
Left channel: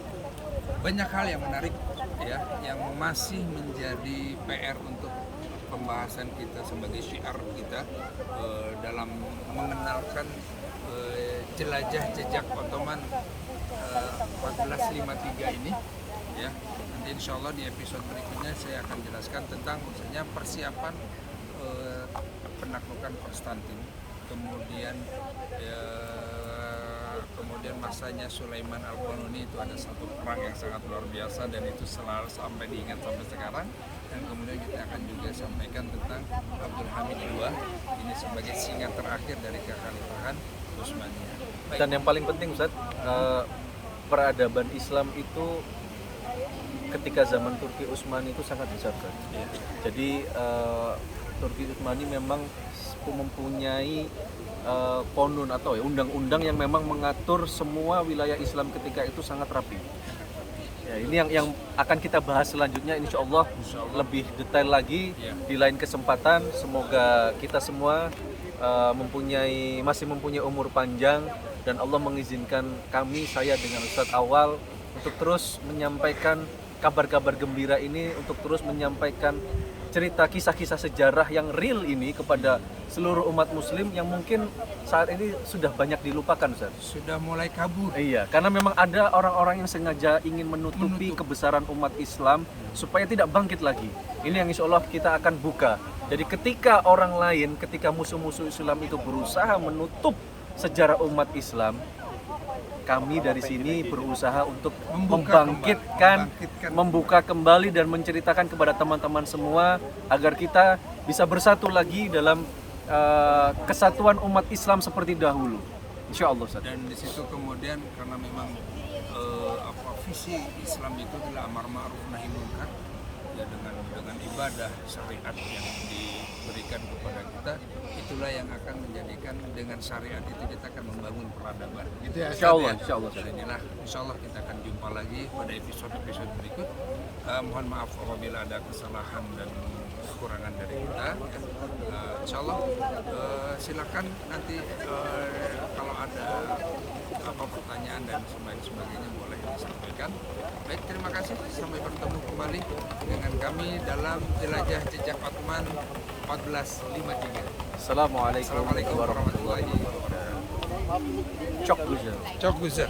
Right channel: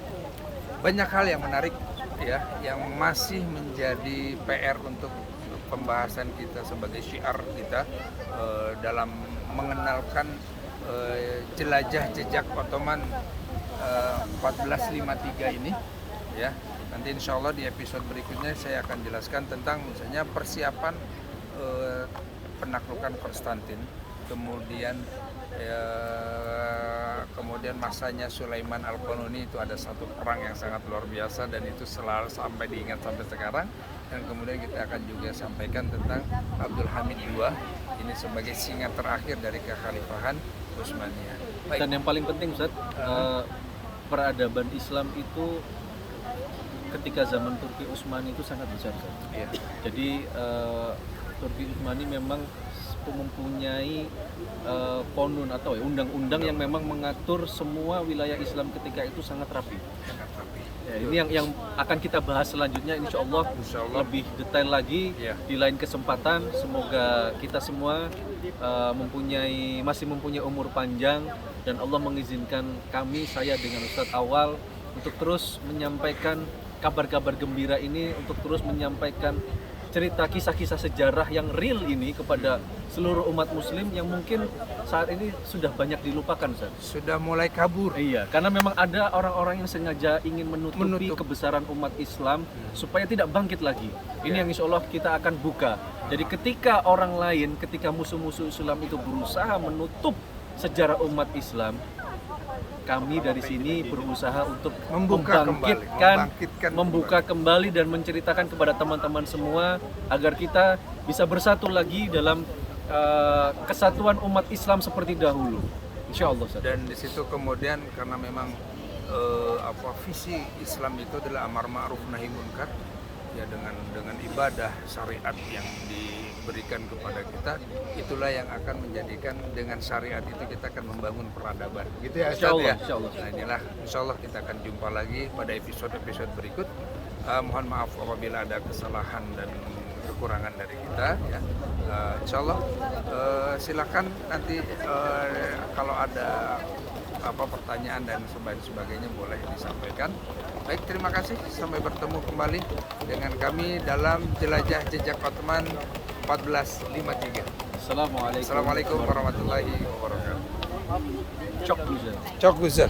Banyak hal yang menarik ya, yang masih menjadi PR untuk pembahasan kita sebagai syiar kita dalam mengenalkan jelajah jejak Ottoman 1453 ini ya. Nanti insya Allah di episode berikutnya saya akan jelaskan tentang misalnya persiapan penaklukan Konstantin, kemudian kemudian masanya Sulaiman Al-Qanuni, itu ada satu perang yang sangat luar biasa dan itu selalu sampai diingat sampai sekarang. Dan kemudian kita akan juga sampaikan tentang Abdul Hamid II ini sebagai singa terakhir dari kekhalifahan Utsmaniyah. Baik. Dan yang paling penting, Ustaz, peradaban Islam itu ketika zaman Turki Utsmani itu sangat besar, Ustaz. Iya. Jadi Turki Utsmani memang mempunyai konun atau undang-undang yang memang mengatur semua wilayah Islam ketika itu sangat rapi. Ya, ini yang akan kita bahas selanjutnya, insya Allah lebih detail lagi Iya. di lain kesempatan. Semoga kita semua masih mempunyai umur panjang dan Allah mengizinkan kami, saya dengan Ustadz Awal, untuk terus menyampaikan kabar-kabar gembira ini, untuk terus menyampaikan cerita kisah-kisah sejarah yang real ini kepada seluruh umat muslim yang mungkin saat ini sudah banyak dilupakan, Ustaz. Sudah mulai kabur. Iya, karena memang ada orang-orang yang sengaja ingin menutupi kebesaran umat Islam supaya tidak bangkit lagi. Ini yang insya Allah kita akan buka. Jadi ketika orang lain, ketika musuh-musuh Islam itu berusaha menutup sejarah umat Islam, kami dari sini berusaha untuk membuka kembali dan menceritakan kepada teman-teman semua agar kita bisa bersatu lagi dalam kesatuan umat Islam seperti dahulu. Insya Allah. Dan di situ kemudian karena memang visi Islam itu adalah amar ma'ruf nahi munkar ya, dengan ibadah syariat yang diberikan kepada kita, itulah yang akan menjadikan dengan syariat itu kita akan membangun peradaban gitu ya, Insya Allah, ya? insya Allah. Nah, inilah insya Allah kita akan jumpa lagi pada episode berikut. Mohon maaf apabila ada kesalahan dan kekurangan dari kita ya. Insya Allah silakan nanti kalau ada pertanyaan dan sebagainya boleh disampaikan. Baik, terima kasih. Sampai bertemu kembali dengan kami dalam jelajah jejak Ottoman 1453. Assalamualaikum Assalamualaikum warahmatullahi wabarakatuh. Cok Guzer. Cok Guzer.